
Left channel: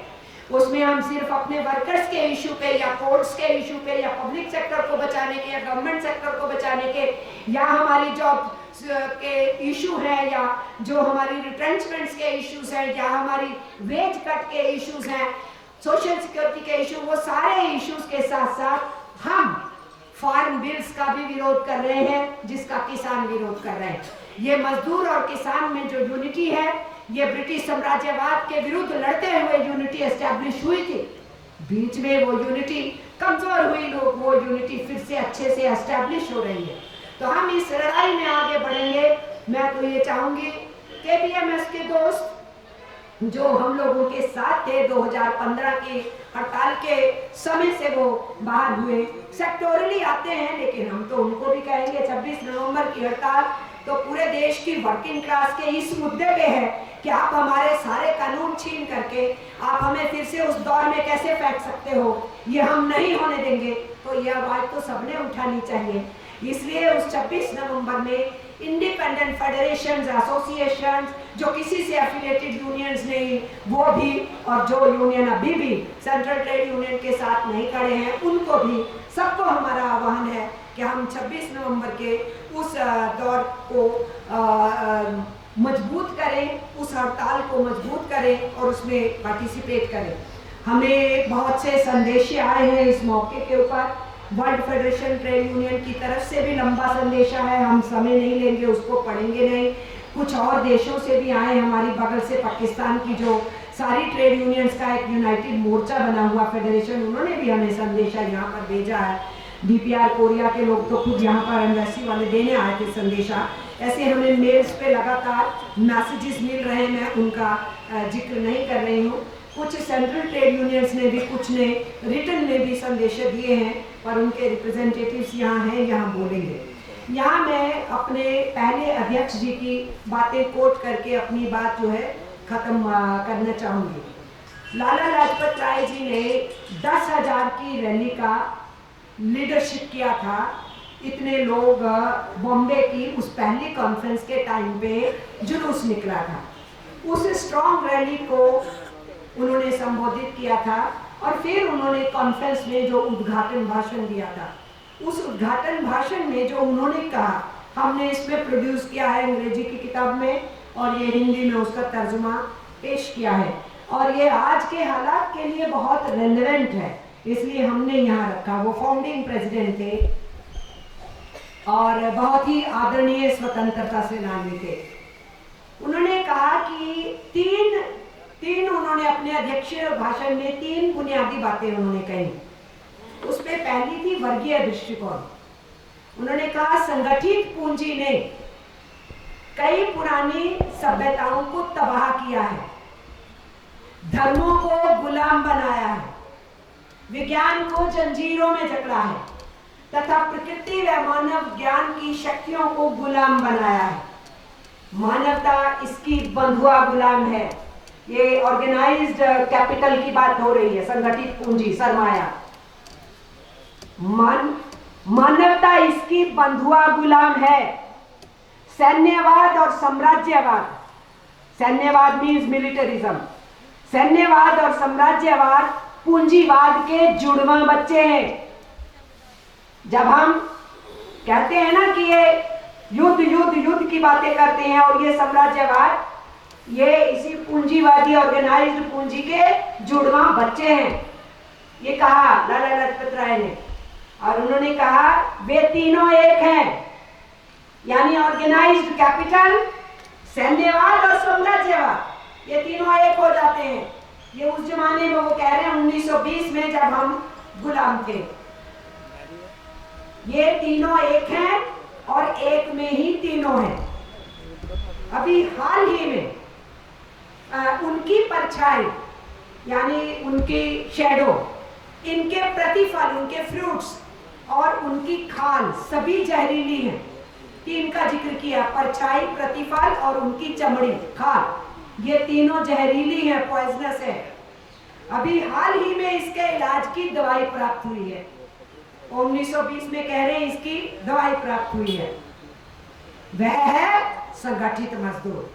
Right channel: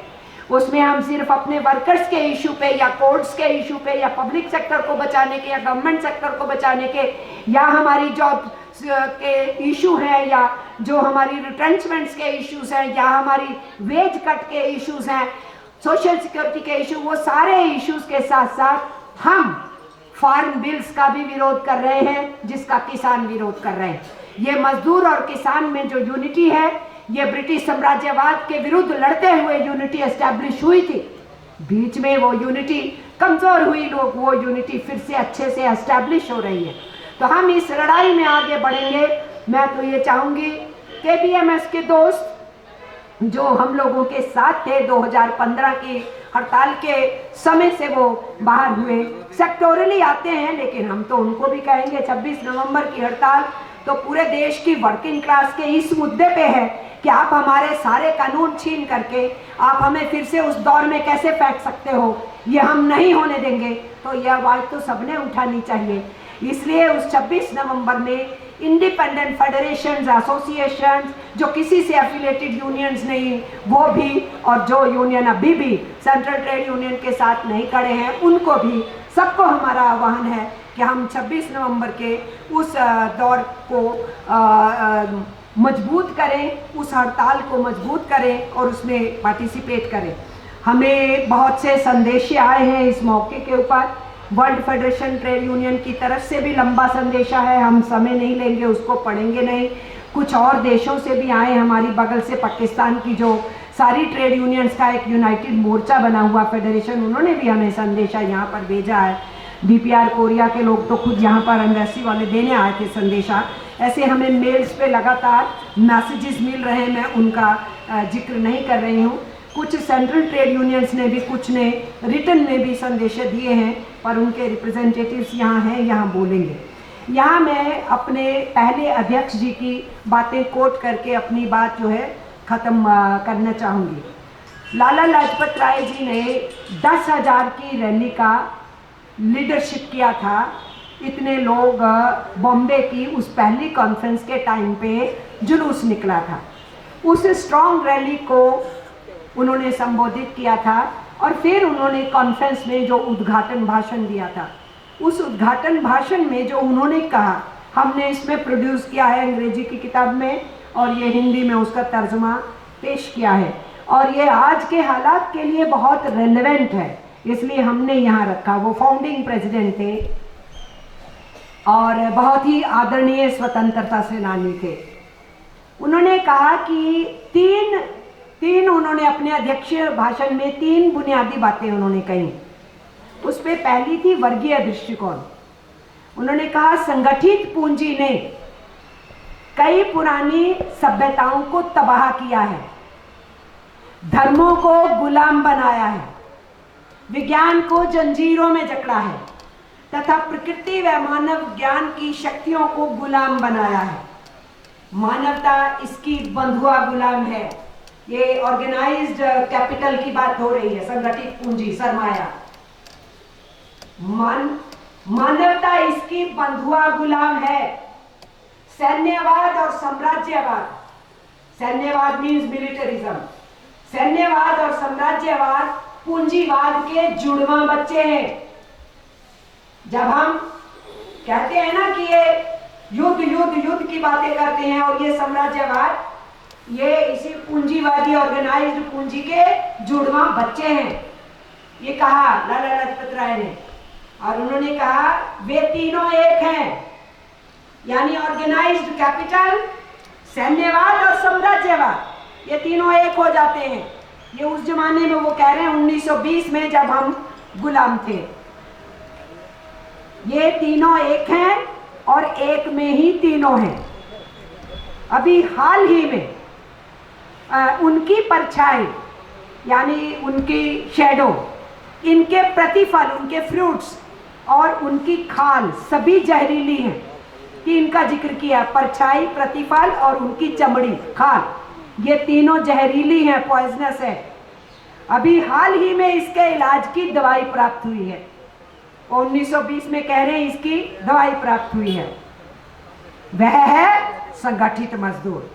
उसमें हम सिर्फ अपने वर्कर्स के इशू पे या कोर्ट्स के इशू पे या पब्लिक सेक्टर को बचाने के या गवर्नमेंट सेक्टर को बचाने के या हमारी जॉब के इशू हैं या जो हमारी रिट्रेंचमेंट्स के इश्यूज हैं या हमारी वेज कट के इश्यूज हैं, सोशल सिक्योरिटी के इशू, वो सारे इश्यूज के साथ साथ हम फार्म बिल्स का भी विरोध कर रहे हैं जिसका किसान विरोध कर रहे हैं। ये मजदूर और किसान में जो यूनिटी है, ये ब्रिटिश साम्राज्यवाद के विरुद्ध लड़ते हुए यूनिटी एस्टैब्लिश हुई थी। बीच में वो यूनिटी कमजोर हुई, लोग वो यूनिटी फिर से अच्छे से एस्टैब्लिश हो रही है। तो हम इस लड़ाई में आगे बढ़ेंगे। मैं तो ये चाहूंगी KBMS के दोस्त जो हम लोगों के साथ थे 2015 की हड़ताल के समय से वो बाहर हुए, सेक्टोरली आते हैं, लेकिन हम तो उनको भी कहेंगे 26 नवंबर की हड़ताल तो पूरे देश की वर्किंग क्लास के इस मुद्दे पे है कि आप हमारे सारे कानून छीन करके आप हमें फिर से उस दौर में कैसे फेंक सकते हो, ये हम नहीं होने देंगे। तो यह आवाज़ तो सबने उठानी चाहिए। इसलिए उस 26 नवंबर में इंडिपेंडेंट फेडरेशंस, एसोसिएशंस जो किसी से एफिलिएटेड यूनियंस नहीं, वो भी, और जो यूनियन अभी भी सेंट्रल ट्रेड यूनियन के साथ नहीं खड़े हैं, उनको भी, सबको हमारा आह्वान है कि हम 26 नवंबर के उस दौर को मजबूत करें, उस हड़ताल को मजबूत करें और उसमें पार्टिसिपेट करें। हमें बहुत से संदेश आए हैं इस मौके के ऊपर। वर्ल्ड फेडरेशन ट्रेड यूनियन की तरफ से भी लंबा संदेशा है, हम समय नहीं लेंगे, उसको पढ़ेंगे नहीं। कुछ और देशों से भी आए, हमारी बगल से पाकिस्तान की जो सारी ट्रेड यूनियंस का एक यूनाइटेड मोर्चा बना हुआ फेडरेशन, उन्होंने भी हमें संदेशा यहाँ पर भेजा है। DPR कोरिया के लोग तो खुद यहाँ पर एम्बेसी वाले देने आए थे संदेशा। ऐसे हमें मेल्स पे लगातार मैसेजेस मिल रहे हैं, मैं उनका जिक्र नहीं कर रही हूँ। कुछ सेंट्रल ट्रेड यूनियंस ने भी, कुछ ने रिटर्न में भी संदेश दिए हैं, पर उनके रिप्रेजेंटेटिव्स यहाँ हैं, यहाँ बोलेंगे। यहाँ मैं अपने पहले अध्यक्ष जी की बातें कोट करके अपनी बात जो है ख़त्म करना चाहूँगी। लाला लाजपत राय जी ने 10,000 की रैली का लीडरशिप किया था इतने लोग बॉम्बे की उस पहली कॉन्फ्रेंस के टाइम पे जुलूस निकला था। उस स्ट्रॉन्ग रैली को उन्होंने संबोधित किया था और फिर उन्होंने कॉन्फ्रेंस में जो उद्घाटन भाषण दिया था, उस उद्घाटन भाषण में जो उन्होंने कहा, हमने इसमें प्रोड्यूस किया है अंग्रेजी की किताब में और ये हिंदी में उसका तर्जुमा पेश किया है और ये आज के हालात के लिए बहुत रेलेवेंट है, इसलिए हमने यहाँ रखा। वो फाउंडिंग प्रेसिडेंट थे और बहुत ही आदरणीय स्वतंत्रता सेनानी थे। उन्होंने कहा कि तीन उन्होंने अपने अध्यक्षीय भाषण में 3 बुनियादी बातें उन्होंने कही। उसमें पहली थी वर्गीय दृष्टिकोण। उन्होंने कहा संगठित पूंजी ने कई पुरानी सभ्यताओं को तबाह किया है, धर्मों को गुलाम बनाया है, विज्ञान को जंजीरों में जकड़ा है तथा प्रकृति व मानव ज्ञान की शक्तियों को गुलाम बनाया है। मानवता इसकी बंधुआ गुलाम है। ये ऑर्गेनाइज्ड कैपिटल की बात हो रही है, संगठित पूंजी, सरमाया। मानवता इसकी बंधुआ गुलाम है। सैन्यवाद और साम्राज्यवाद, सैन्यवाद मीन्स मिलिटरिज्म, सैन्यवाद और साम्राज्यवाद पूंजीवाद के जुड़वा बच्चे हैं। जब हम कहते हैं ना कि ये युद्ध की बातें करते हैं और ये साम्राज्यवाद, ये इसी पूंजीवादी ऑर्गेनाइज्ड पूंजी के जुड़वा बच्चे हैं, ये कहा लाला लाजपत राय ने। और उन्होंने कहा वे तीनों एक हैं, यानी ऑर्गेनाइज्ड कैपिटल, सैन्यवाद और साम्राज्यवाद, ये तीनों एक हो जाते हैं। ये उस जमाने में वो कह रहे हैं 1920 में जब हम गुलाम थे, ये तीनों एक हैं और एक में ही तीनों हैं। अभी हाल ही में उनकी परछाई यानी उनकी शैडो, इनके प्रतिफल, उनके फ्रूट्स और उनकी खाल सभी जहरीली हैं। तीन का जिक्र किया, परछाई, प्रतिफल और उनकी चमड़ी, खाल, ये तीनों जहरीली हैं, पॉइजनस है। अभी हाल ही में इसके इलाज की दवाई प्राप्त हुई है। 1920 में कह रहे हैं इसकी दवाई प्राप्त हुई है। वह है संगठित मजदूर।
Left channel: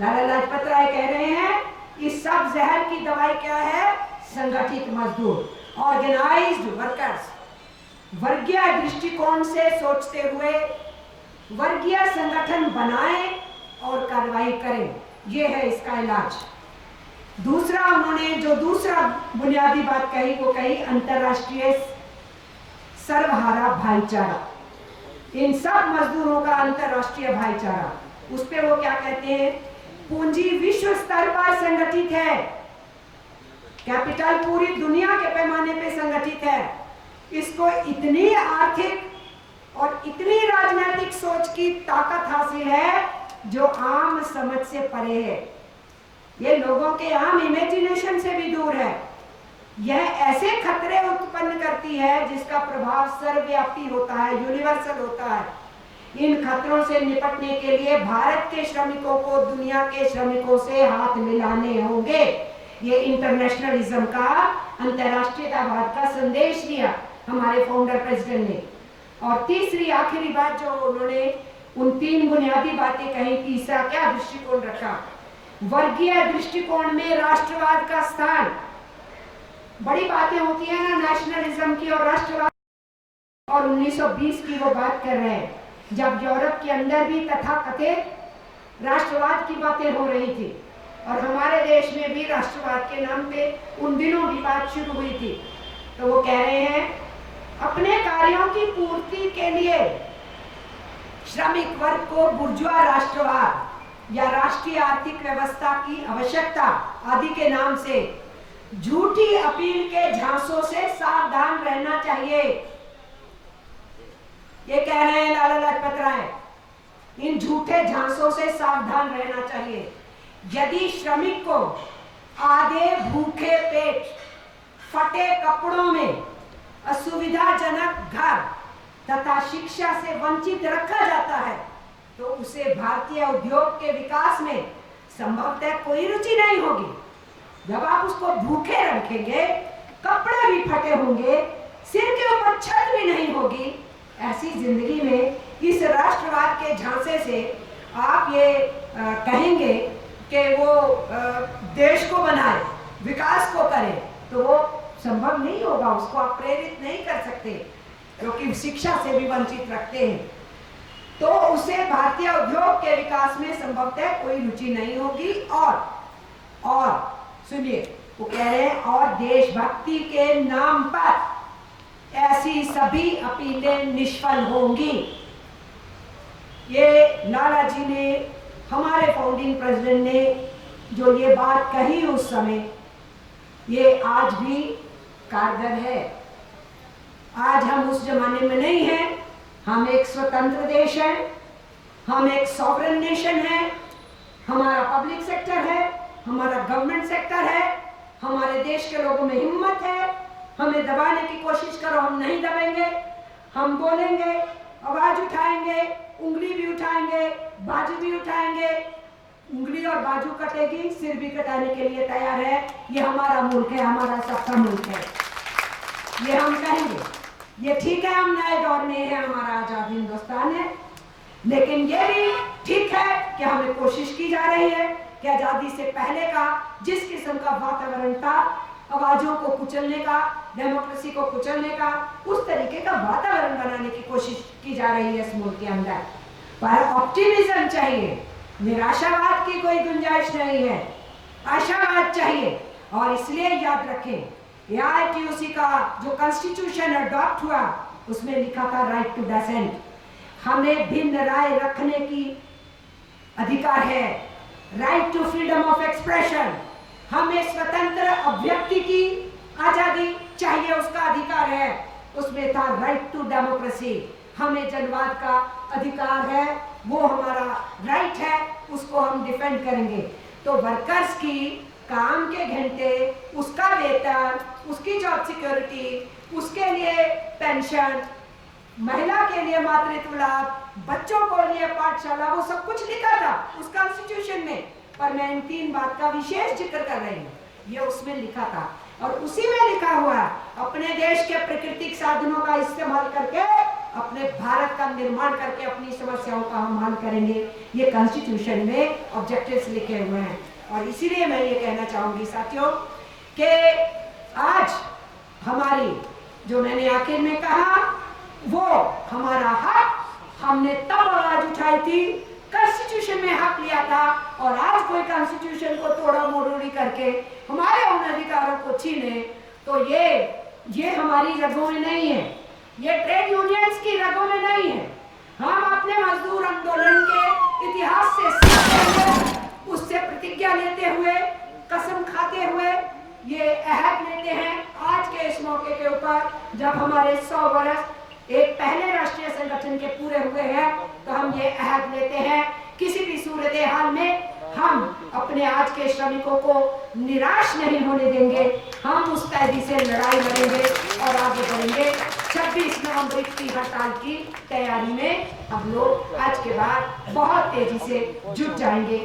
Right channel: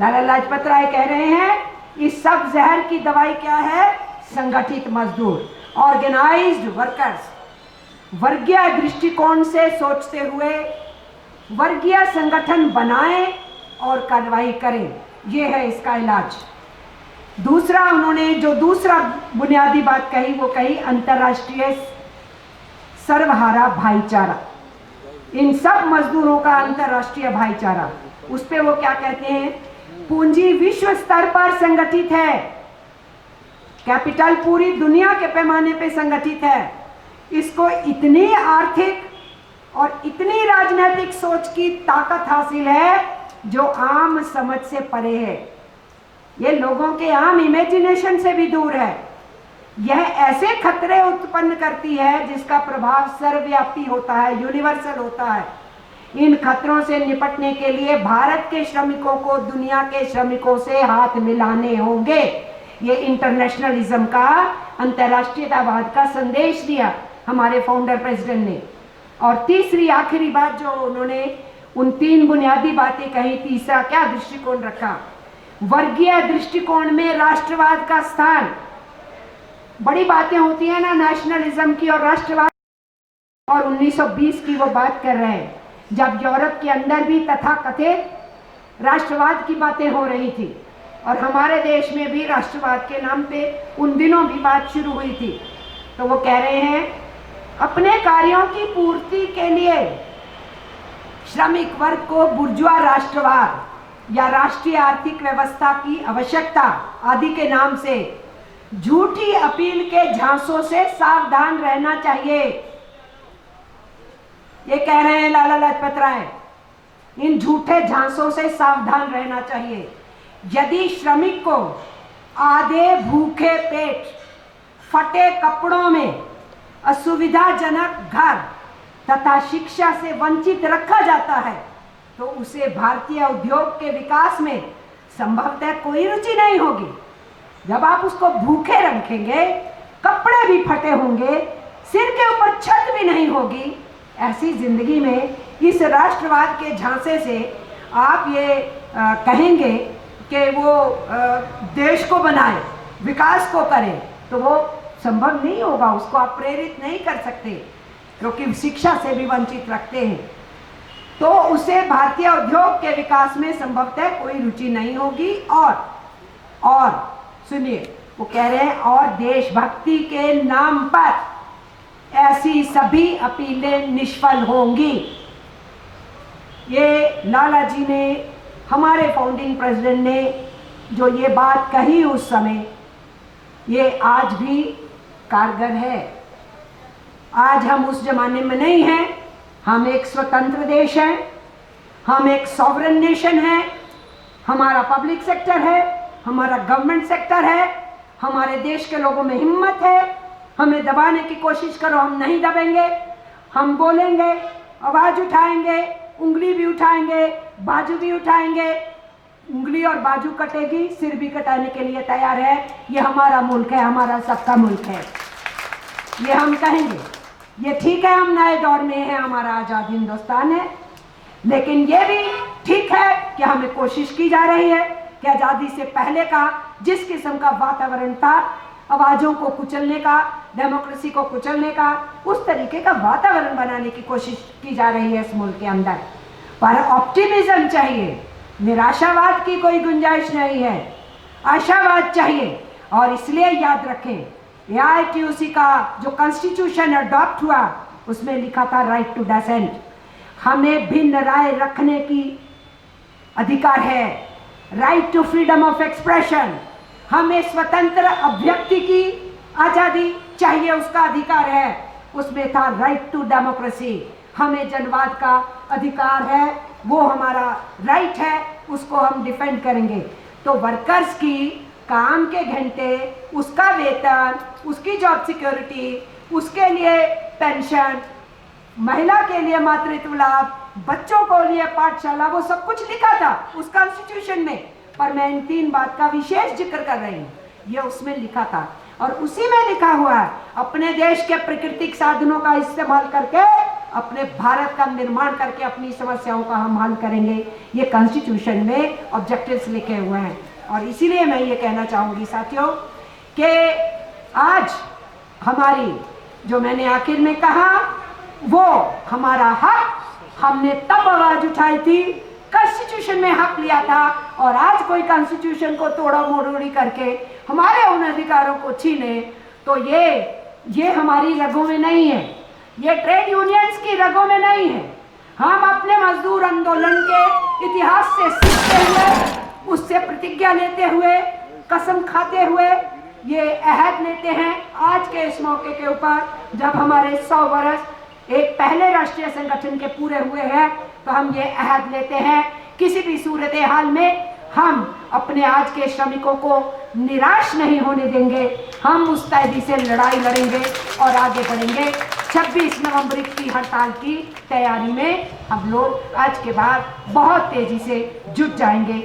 लाला लाजपत राय कह रहे हैं इस सब जहर की दवाई क्या है? संगठित मजदूर, ऑर्गेनाइज्ड वर्कर्स। वर्गीय दृष्टिकोण से सोचते हुए वर्गीय संगठन बनाएं और कार्रवाई करें, ये है इसका इलाज। दूसरा, उन्होंने जो दूसरा बुनियादी बात कही वो कही अंतर्राष्ट्रीय सर्वहारा भाईचारा, इन सब मजदूरों का अंतर्राष्ट्रीय भाईचारा। उस पे वो क्या कहते हैं? पूंजी विश्व स्तर पर संगठित है, कैपिटल पूरी दुनिया के पैमाने पे संगठित है। इसको इतनी आर्थिक और इतनी राजनीतिक सोच की ताकत हासिल है जो आम समझ से परे है, ये लोगों के आम इमेजिनेशन से भी दूर है। यह ऐसे खतरे उत्पन्न करती है जिसका प्रभाव सर्वव्यापी होता है, यूनिवर्सल होता है। इन खतरों से निपटने के लिए भारत के श्रमिकों को दुनिया के श्रमिकों से हाथ मिलाने होंगे। ये इंटरनेशनलिज्म का, अंतर्राष्ट्रीयतावाद का संदेश दिया हमारे फाउंडर प्रेसिडेंट ने। और तीसरी आखिरी बात जो उन्होंने उन 3 बुनियादी बातें कही, तीसरा क्या दृष्टिकोण रखा? वर्गीय दृष्टिकोण में राष्ट्रवाद का स्थान। बड़ी बातें होती है ना नेशनलिज्म की और राष्ट्रवाद, और 1920 की वो बात कर रहे हैं जब यूरोप के अंदर भी तथाकथित राष्ट्रवाद की बातें हो रही थी और हमारे देश में भी राष्ट्रवाद के नाम पे उन दिनों भी बात शुरू हुई थी। तो वो कह रहे हैं अपने कार्यों की पूर्ति के लिए श्रमिक वर्ग को बुर्जुआ राष्ट्रवाद या राष्ट्रीय आर्थिक व्यवस्था की आवश्यकता आदि के नाम से झूठी अपील के झांसों से सावधान रहना चाहिए। ये कह रहे हैं लाला लाजपत राय, इन झूठे झांसों से सावधान रहना चाहिए। यदि श्रमिक को आधे भूखे पेट, फटे कपड़ों में, असुविधाजनक घर तथा शिक्षा से वंचित रखा जाता है तो उसे भारतीय उद्योग के विकास में संभवतः कोई रुचि नहीं होगी। जब आप उसको भूखे रखेंगे, कपड़े भी फटे होंगे, सिर के ऊपर छत भी नहीं होगी, ऐसी जिंदगी में इस राष्ट्रवाद के झांसे से आप ये कहेंगे कि वो देश को बनाए, विकास को करे, तो वो संभव नहीं होगा। उसको आप प्रेरित नहीं कर सकते, क्योंकि शिक्षा से भी वंचित रखते हैं। तो उसे भारतीय उद्योग के विकास में संभवतः कोई रुचि नहीं होगी। और सुनिए, वो कह रहे हैं और देशभक्ति के नाम पर ऐसी सभी अपीलें निष्फल होंगी। ये लाला जी ने, हमारे फाउंडिंग प्रेसिडेंट ने जो ये बात कही उस समय, ये आज भी कारगर है। आज हम उस जमाने में नहीं हैं। हम एक स्वतंत्र देश हैं, हम एक सॉवरेन नेशन है, हमारा पब्लिक सेक्टर है, हमारा गवर्नमेंट सेक्टर है, हमारे देश के लोगों में हिम्मत है। हमें दबाने की कोशिश करो, हम नहीं दबेंगे। हम बोलेंगे, आवाज उठाएंगे, उंगली भी उठाएंगे, बाजू भी उठाएंगे। उंगली और बाजू कटेगी, सिर भी कटाने के लिए तैयार है। ये हमारा मुल्क है, हमारा सबका मुल्क है, ये हम कहेंगे। ये ठीक है, हम नए दौर में हैं, हमारा आजाद हिंदुस्तान है, लेकिन ये भी ठीक है कि हमें कोशिश की जा रही है कि आजादी से पहले का जिस किस्म का वातावरण था, आवाजों को कुचलने का, डेमोक्रेसी को कुचलने का, उस तरीके का वातावरण बनाने की कोशिश की जा रही है इस मुल्क के अंदर। पर ऑप्टिमिज्म चाहिए, निराशावाद की कोई गुंजाइश नहीं है, आशावाद चाहिए। और इसलिए याद रखें, AITUC का जो कॉन्स्टिट्यूशन अडॉप्ट हुआ, उसमें लिखा था राइट टू डिसेंट। हमें भिन्न राय रखने की अधिकार है, right to freedom of expression. हमें स्वतंत्र अभिव्यक्ति की आजादी चाहिए, उसका अधिकार है। उसमें था राइट टू डेमोक्रेसी। हमें जनवाद का अधिकार है, वो हमारा राइट है, उसको हम डिफेंड करेंगे। तो वर्कर्स की काम के घंटे, उसका वेतन, उसकी जॉब सिक्योरिटी, उसके लिए पेंशन, महिला के लिए मातृत्व लाभ, बच्चों को लिए पाठशाला, वो सब कुछ लिखा था उस कॉन्स्टिट्यूशन में। पर मैं इन 3 बात का विशेष जिक्र कर रही हूँ, ये उसमें लिखा था। और उसी में लिखा हुआ है, अपने देश के प्राकृतिक साधनों का इस्तेमाल करके अपने भारत का निर्माण करके अपनी समस्याओं का हम हल करेंगे। ये कॉन्स्टिट्यूशन में ऑब्जेक्टिव्स लिखे हुए हैं। और इसीलिए मैं ये कहना चाहूँगी साथियों कि आज हमारी, जो मैंने आखिर में कहा, वो हमारा हक, हमने तब आवाज उठाई थी, कॉन्स्टिट्यूशन में हक लिया था। और आज कोई कॉन्स्टिट्यूशन को तोड़ा मोड़ी करके हमारे उन अधिकारों को छीने, तो ये हमारी रगों में नहीं है, ये ट्रेड यूनियंस की रगों में नहीं है। हम अपने मजदूर आंदोलन के इतिहास से सीखते हुए, उससे प्रतिज्ञा लेते हुए, कसम खाते हुए ये अहद लेते हैं। आज के इस मौके के ऊपर, जब हमारे 100 वर्ष एक पहले राष्ट्रीय संगठन के पूरे हुए हैं, तो हम ये अहद लेते हैं, किसी भी सूरत हाल में हम अपने आज के श्रमिकों को निराश नहीं होने देंगे। हम मुस्तैदी से लड़ाई लड़ेंगे और आगे बढ़ेंगे। 26 नवंबर की हड़ताल की तैयारी में हम लोग आज के बाद बहुत तेजी से जुट जाएंगे।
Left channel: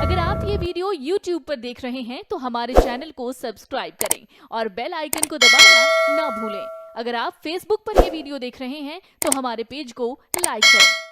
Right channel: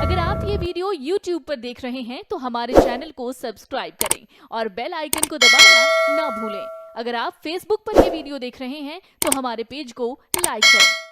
अगर आप ये वीडियो YouTube पर देख रहे हैं तो हमारे चैनल को सब्सक्राइब करें और बेल आइकन को दबाना ना भूलें। अगर आप Facebook पर ये वीडियो देख रहे हैं तो हमारे पेज को लाइक करें।